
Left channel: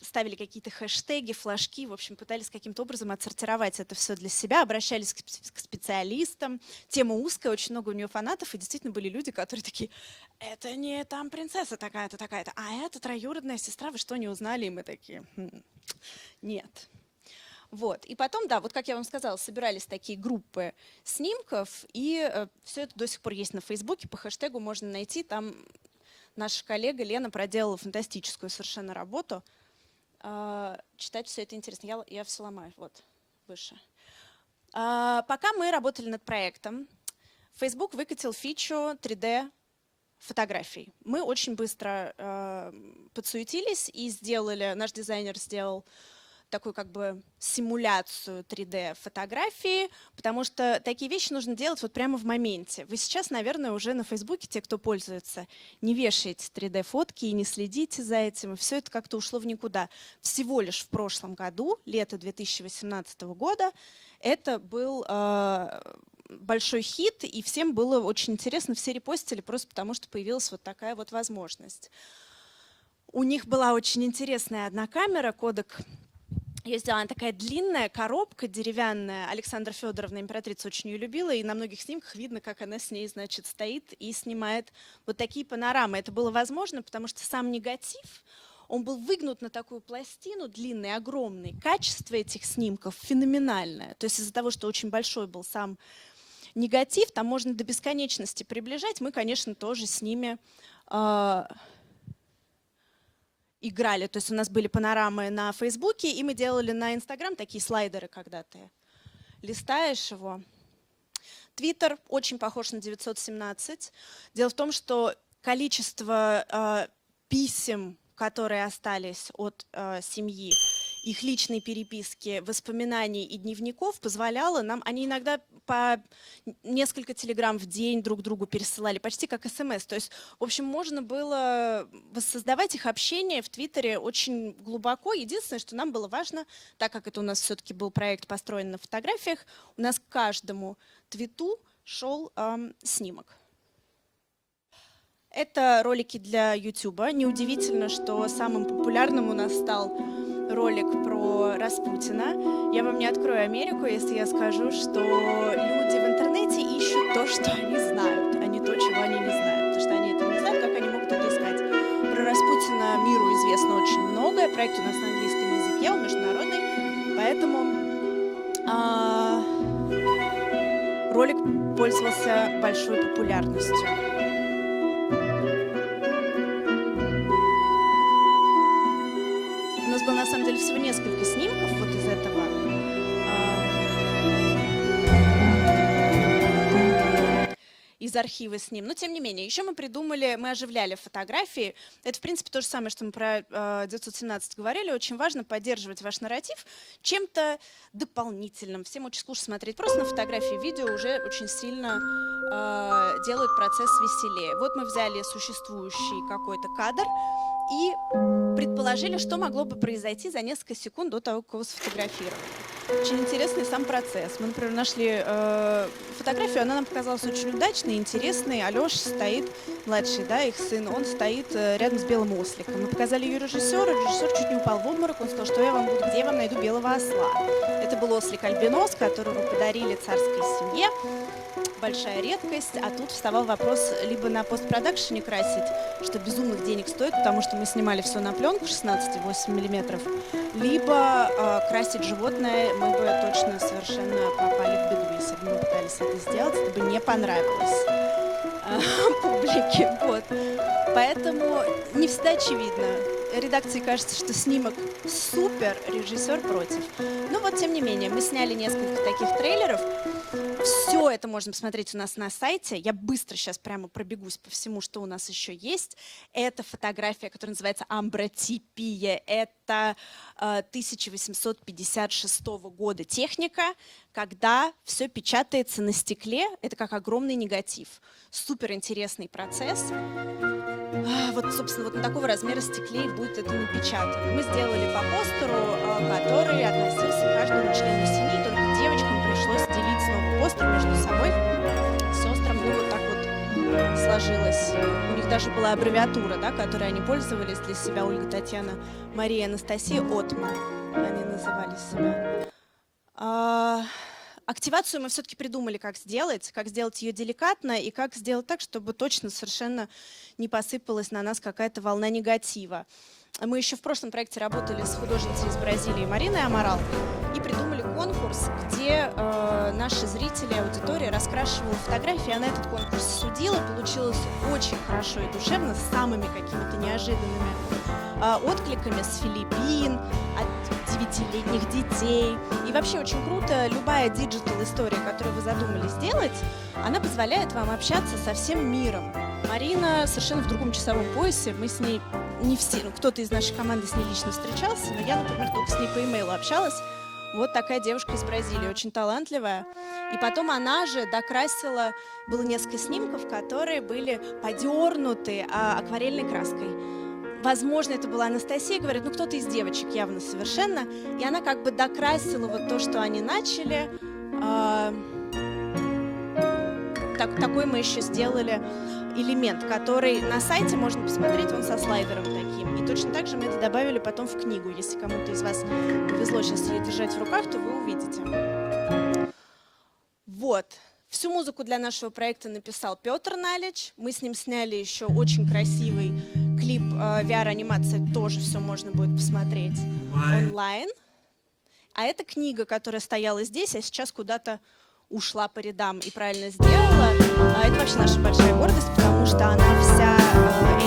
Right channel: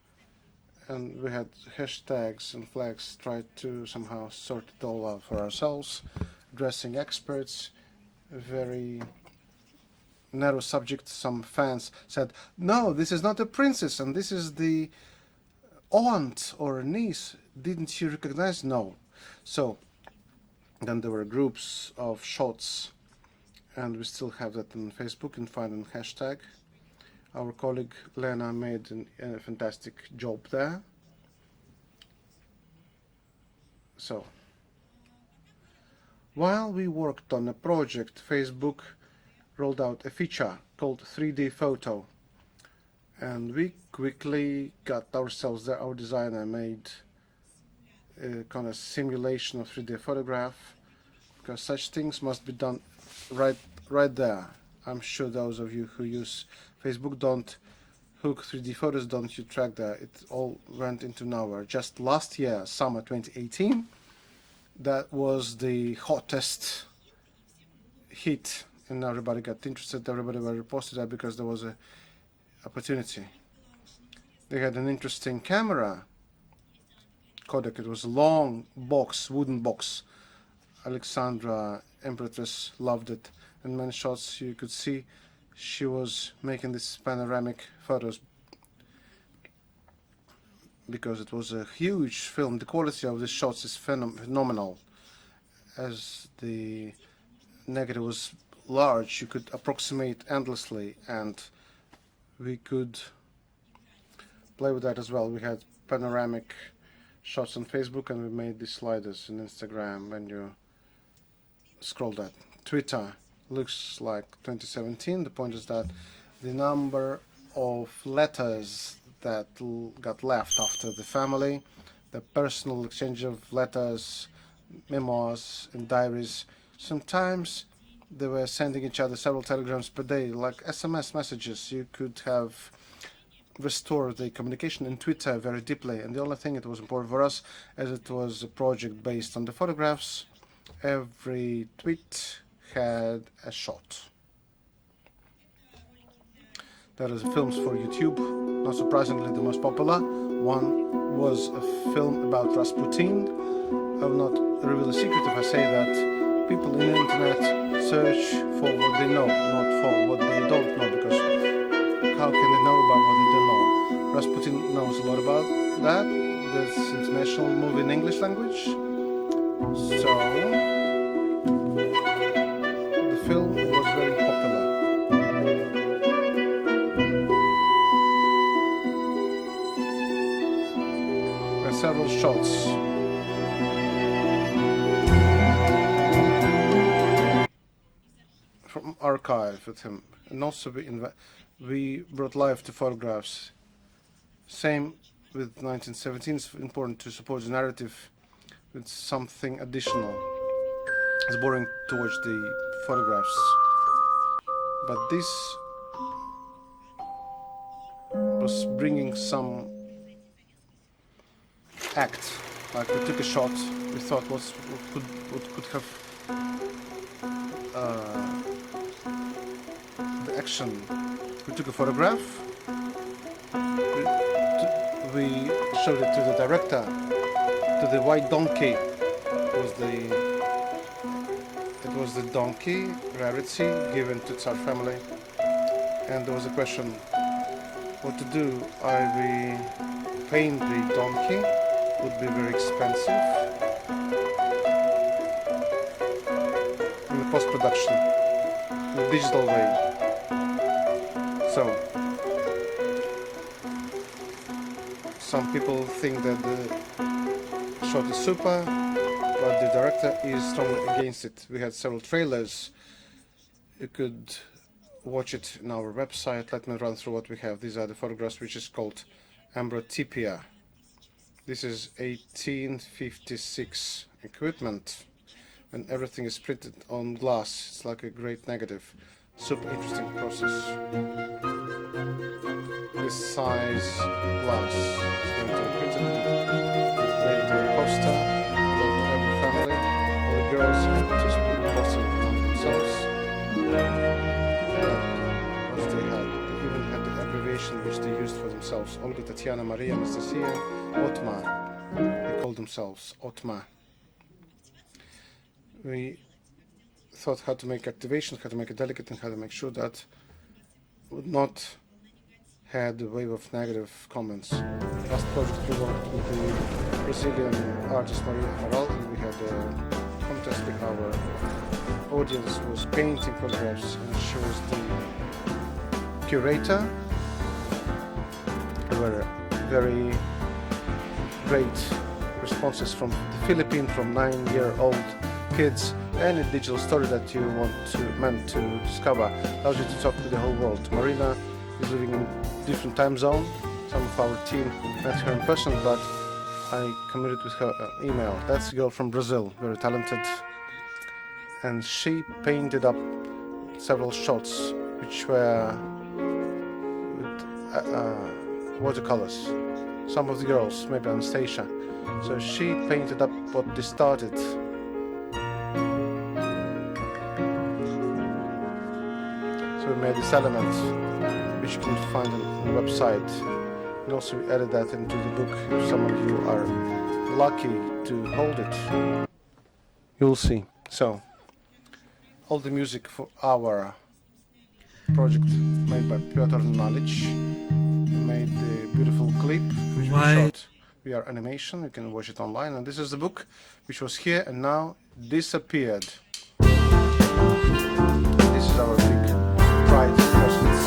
ставили какие-то хэштеги, флажки, в общем, пытались каким-то образом отсортировать это все для себя, обращались к специалистам. Тема узкая, очень много у нее фанатов, и действительно были люди, которые такие, это не там принцесса такая-то, такая-то, а это троюродная сестра, что не узнали, и мы такие... Вот. И потом, да, вот как я вам сказала, собирались такие группы снимков, и все это до сих пор есть на Фейсбуке, по хэштегу можно найти, там наша коллега Лена проделала фантастическую совершенно работу. Читать все это интересно, я все ломаю, вот, выше. Пока мы работали над проектом, Facebook выкатил фичу 3D-фотографий. Мы очень быстро подсуетились и сделали, наш дизайнер сделал такую как бы симуляцию 3D-фотографии, потому что такие вещи нужно делать вот прямо в моменте. Вы сейчас, наверное, уже на Фейсбуке, те, кто пользуется, не вешаете 3D-фотки и не следите за этим, все это как-то ушло в никуда. Всего лишь в прошлом году, лето 2018 года, это был большой хит, и всем было очень интересно, все репостили просто потому, что появилась вот такая вот возможность. У них была очень интересная одна камера, кодек. Ее сделана такая длинная коробка деревянная. Александра Федоровна, императрица, очень ее любила, и на многих снимках видно, как она с ней, значит, стоит и снимает вот такие панорамы. Это было возможно, потому что сам негатив, он был выгнут на такую пластину, длинный, огромный. Качество этих снимков феноменальное. То есть из-за того, что очень большой был сам негатив, там можно до бесконечности приближать. Мы, конечно, тоже с ними играли. То есть у нас были панорамы на Фейсбуке, и мы делали на Инстаграм такие слайдеры, когда ты листаешь его. Твиттер очень похож на 917. Дело в том, что количество писем, которые остались от семьи, их личной переписки, воспоминаний и дневников позволяло нам, они иногда по несколько телеграмм в день друг другу пересылали, почти как СМС. То есть, в общем, можно было воссоздавать их общение в Твиттере очень глубоко. Единственное, что нам было важно, так как это у нас все-таки был проект построен на фотографиях, у нас к каждому твиту шел снимок. Это ролики для YouTube. Неудивительно, что самым популярным у нас стал ролик про Распутина. Я вам не открою Америку, если я скажу, что люди в интернете ищут то, что они знают, а не то, чего они не знают. Что они не знают, как они могут искать. Про Распутина миру известно очень многое, проект у нас на английском языке, международный, поэтому ролик пользовался большой популярностью. Из архива с ним. Но тем не менее, еще мы придумали, мы оживляли фотографии. Это, в принципе, то же самое, что мы про 917 говорили. Очень важно поддерживать ваш нарратив чем-то дополнительным. Всем очень скучно смотреть просто на фотографии, видео уже очень сильно делают процесс веселее. Вот мы взяли существующий какой-то кадр и предположили, что могло бы произойти за несколько секунд до того, как его сфотографировали. Очень интересный сам процесс. Мы, например, нашли фотографию, она нам показалась очень удачной, интересной. Алёша стоит, младший, да, их сын, он стоит рядом с белым осликом. Мы показали ее режиссеру, режиссер чуть не упал в обморок, он сказал, что я вам где вам этого белого осла. Это был ослик-альбинос, который мы подарили царской семье. Большая редкость, а тут вставал вопрос либо на постпродакшене красить, что безумно денег стоит, потому что мы снимали все на пленку 16,8 мм, либо красить животное, мы бы точно совершенно попали в беду, если бы мы пытались это сделать, это бы не понравилось. Вот. Поэтому не всегда очевидно. Редакции кажется, что снимок супер, режиссер против. Но вот, тем не менее, мы сняли несколько таких трейлеров. Все это можно посмотреть у нас на сайте. Я быстро сейчас прямо пробегусь по всему, что у нас еще есть. Это фотография, которая называется «Амбротипия». Это 1856 года техника, когда все печатается на стекле. Это как огромный негатив. Супер интересный процесс. Вот, собственно, вот такого размера стеклей будет печатать. Мы сделали по постеру, который относился к каждому члену семьи, только девочкам пришлось делить с новым остров, все самой с островом вот так вот сложилось. У них даже была аббревиатура, да, которой они пользовались для себя, Ольга, Татьяна, Мария, Анастасия, Отман. Они называли себя. Активацию мы все-таки придумали, как сделать ее деликатно и как сделать так, чтобы точно совершенно не посыпалась на нас какая-то волна негатива. Мы еще в прошлом проекте работали с художницей из Бразилии Мариной Аморал и придумали конкурс, где наши зрители, аудитория раскрашивают фотографии. Она этот конкурс судила, получилось очень хорошо и душевно, с самыми неожиданными откликами с Филиппин, летних детей. И вообще очень круто, любая диджитал-история, которую вы задумались сделать, она позволяет вам общаться со всем миром. Марина совершенно в другом часовом поясе, мы с ней не все, кто-то из нашей команды с ней лично встречался, но я с ней по имейлу общалась. Вот такая девушка из Бразилии, очень талантливая. И потом она же докрасила, было несколько снимков, которые были подернуты акварельной краской. Возможно, это была Анастасия, говорит, ну кто-то из девочек явно совершенно. И она как бы докрасила вот то, что они начали. Такой мы еще сделали элемент, который на сайте можно посмотреть, он со слайдером таким. Точно так же мы это добавили потом в книгу, если кому-то из вас повезло сейчас ее держать в руках, то вы увидите. Вот. Всю музыку для нашего проекта написал Петр Налич. Мы с ним сняли еще очень красивый клип VR-анимации. Тоже все можно будет посмотреть онлайн. А это книга, которая стояла здесь, а сейчас куда-то ушла по рядам и правильно сделала. Это вообще наша большая гордость, потому что она вся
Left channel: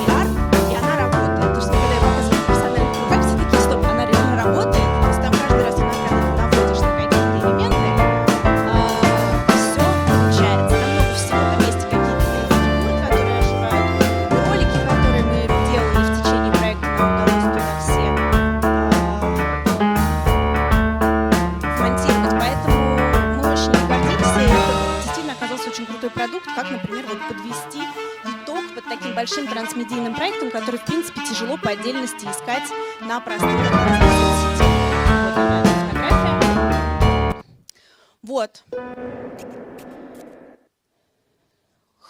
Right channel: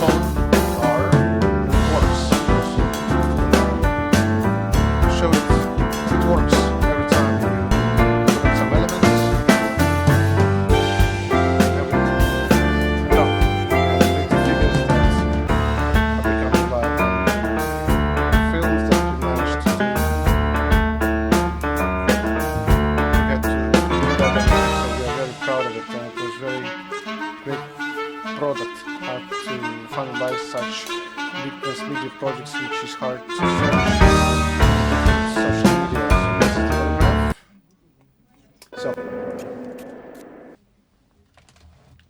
VR, и она работает. То, что когда я показываю персональную фотографию, все таки стоп, она реально работает. Там каждый раз, когда ты работаешь на какие-то элементы, большим трансмедийным проектом, который, в принципе, тяжело по отдельности искать на пространстве. Вот.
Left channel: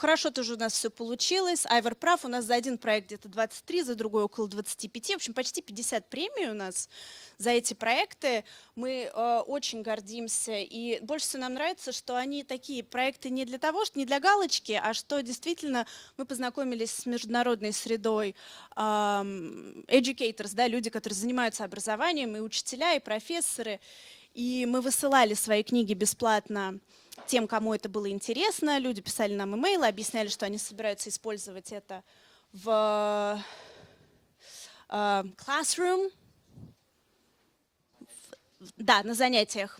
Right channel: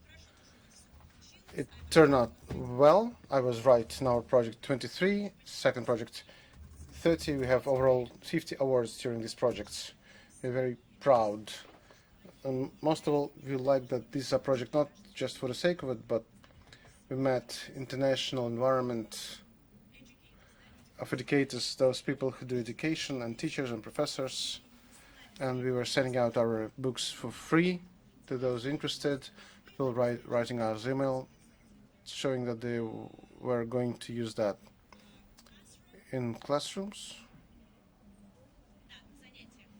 хорошо тоже у нас все получилось. Айвар прав, у нас за один проект где-то 23, за другой около 25. В общем, почти 50 премий у нас за эти проекты. Мы очень гордимся. И больше всего нам нравится, что они такие проекты не для того, что не для галочки, а что действительно мы познакомились с международной средой. Educators, да, люди, которые занимаются образованием, и учителя, и профессоры. И мы высылали свои книги бесплатно тем, кому это было интересно. Люди писали нам имейлы, объясняли, что они собираются использовать это в classroom. Да, на занятиях.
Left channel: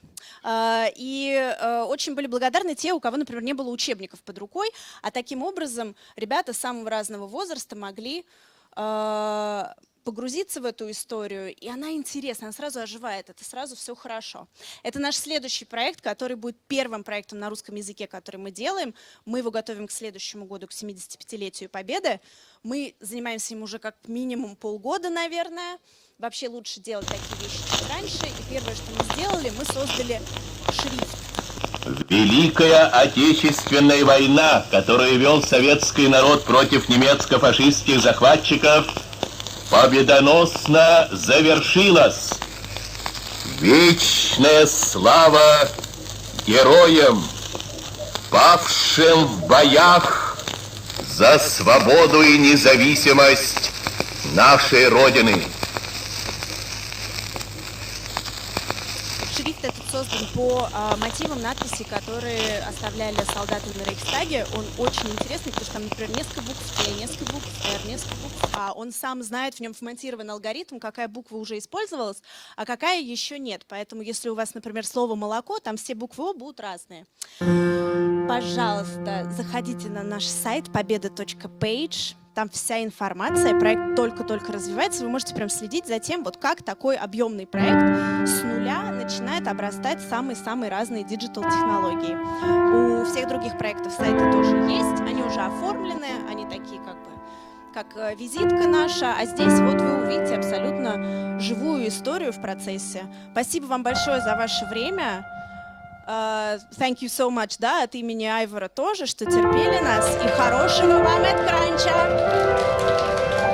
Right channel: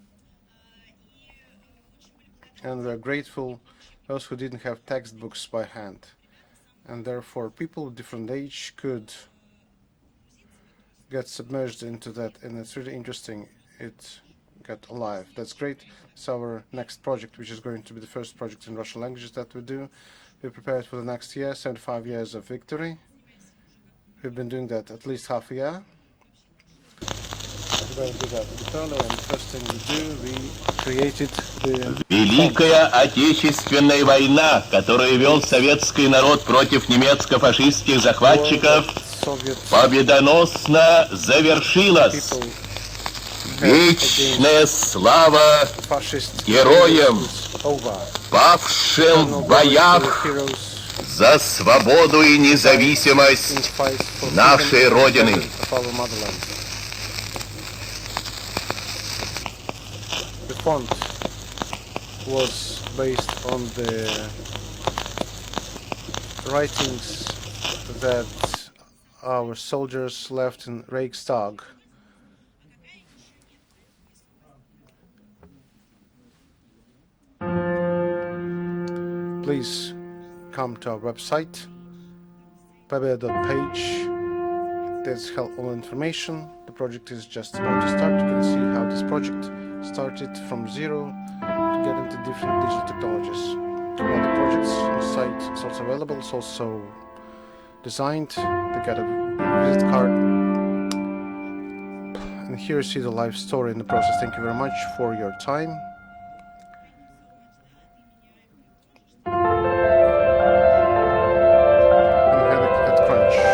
И очень были благодарны те, у кого, например, не было учебников под рукой, а таким образом ребята самого разного возраста могли погрузиться в эту историю, и она интересна, она сразу оживает, это сразу все хорошо. Это наш следующий проект, который будет первым проектом на русском языке, который мы делаем. Мы его готовим к следующему году, к 75-летию Победы. Мы занимаемся им уже как минимум полгода, наверное. Вообще лучше делать такие вещи раньше. И первое, что мы сделали, Великая Отечественная война, которую вел советский народ против немецко-фашистских захватчиков, победоносно завершилась. Вечная слава героям, павшим в боях за свободу и независимость нашей Родины. По мотивам надписи, которые оставляли солдаты в Рейхстаге, он очень интересный, потому что там, например, несколько букв, он сам знает, в нем смонтирован алгоритм, какая буква уже использовалась, а какая еще нет. Поэтому, если у вас, например, слово «молоко», там все буквы «о» будут разные. Пожалуйста, заходите на наш сайт победа.page. Там вся информация, проект только-только развивается, вы можете прям следить за тем, вот как такой объемный проект с нуля начинает обрастать самые-самые разные диджитал-технологии. У всех других проектов сайты тоже есть, они уже оформлены, они такие как визитка наша, а здесь вот вы увидите абсолютно живую историю в процессе. Спасибо вам большое за ваше время. Thank you so much, да, от имени Айвара тоже, что терпели нас, и хорошего вам EDCRUNCH!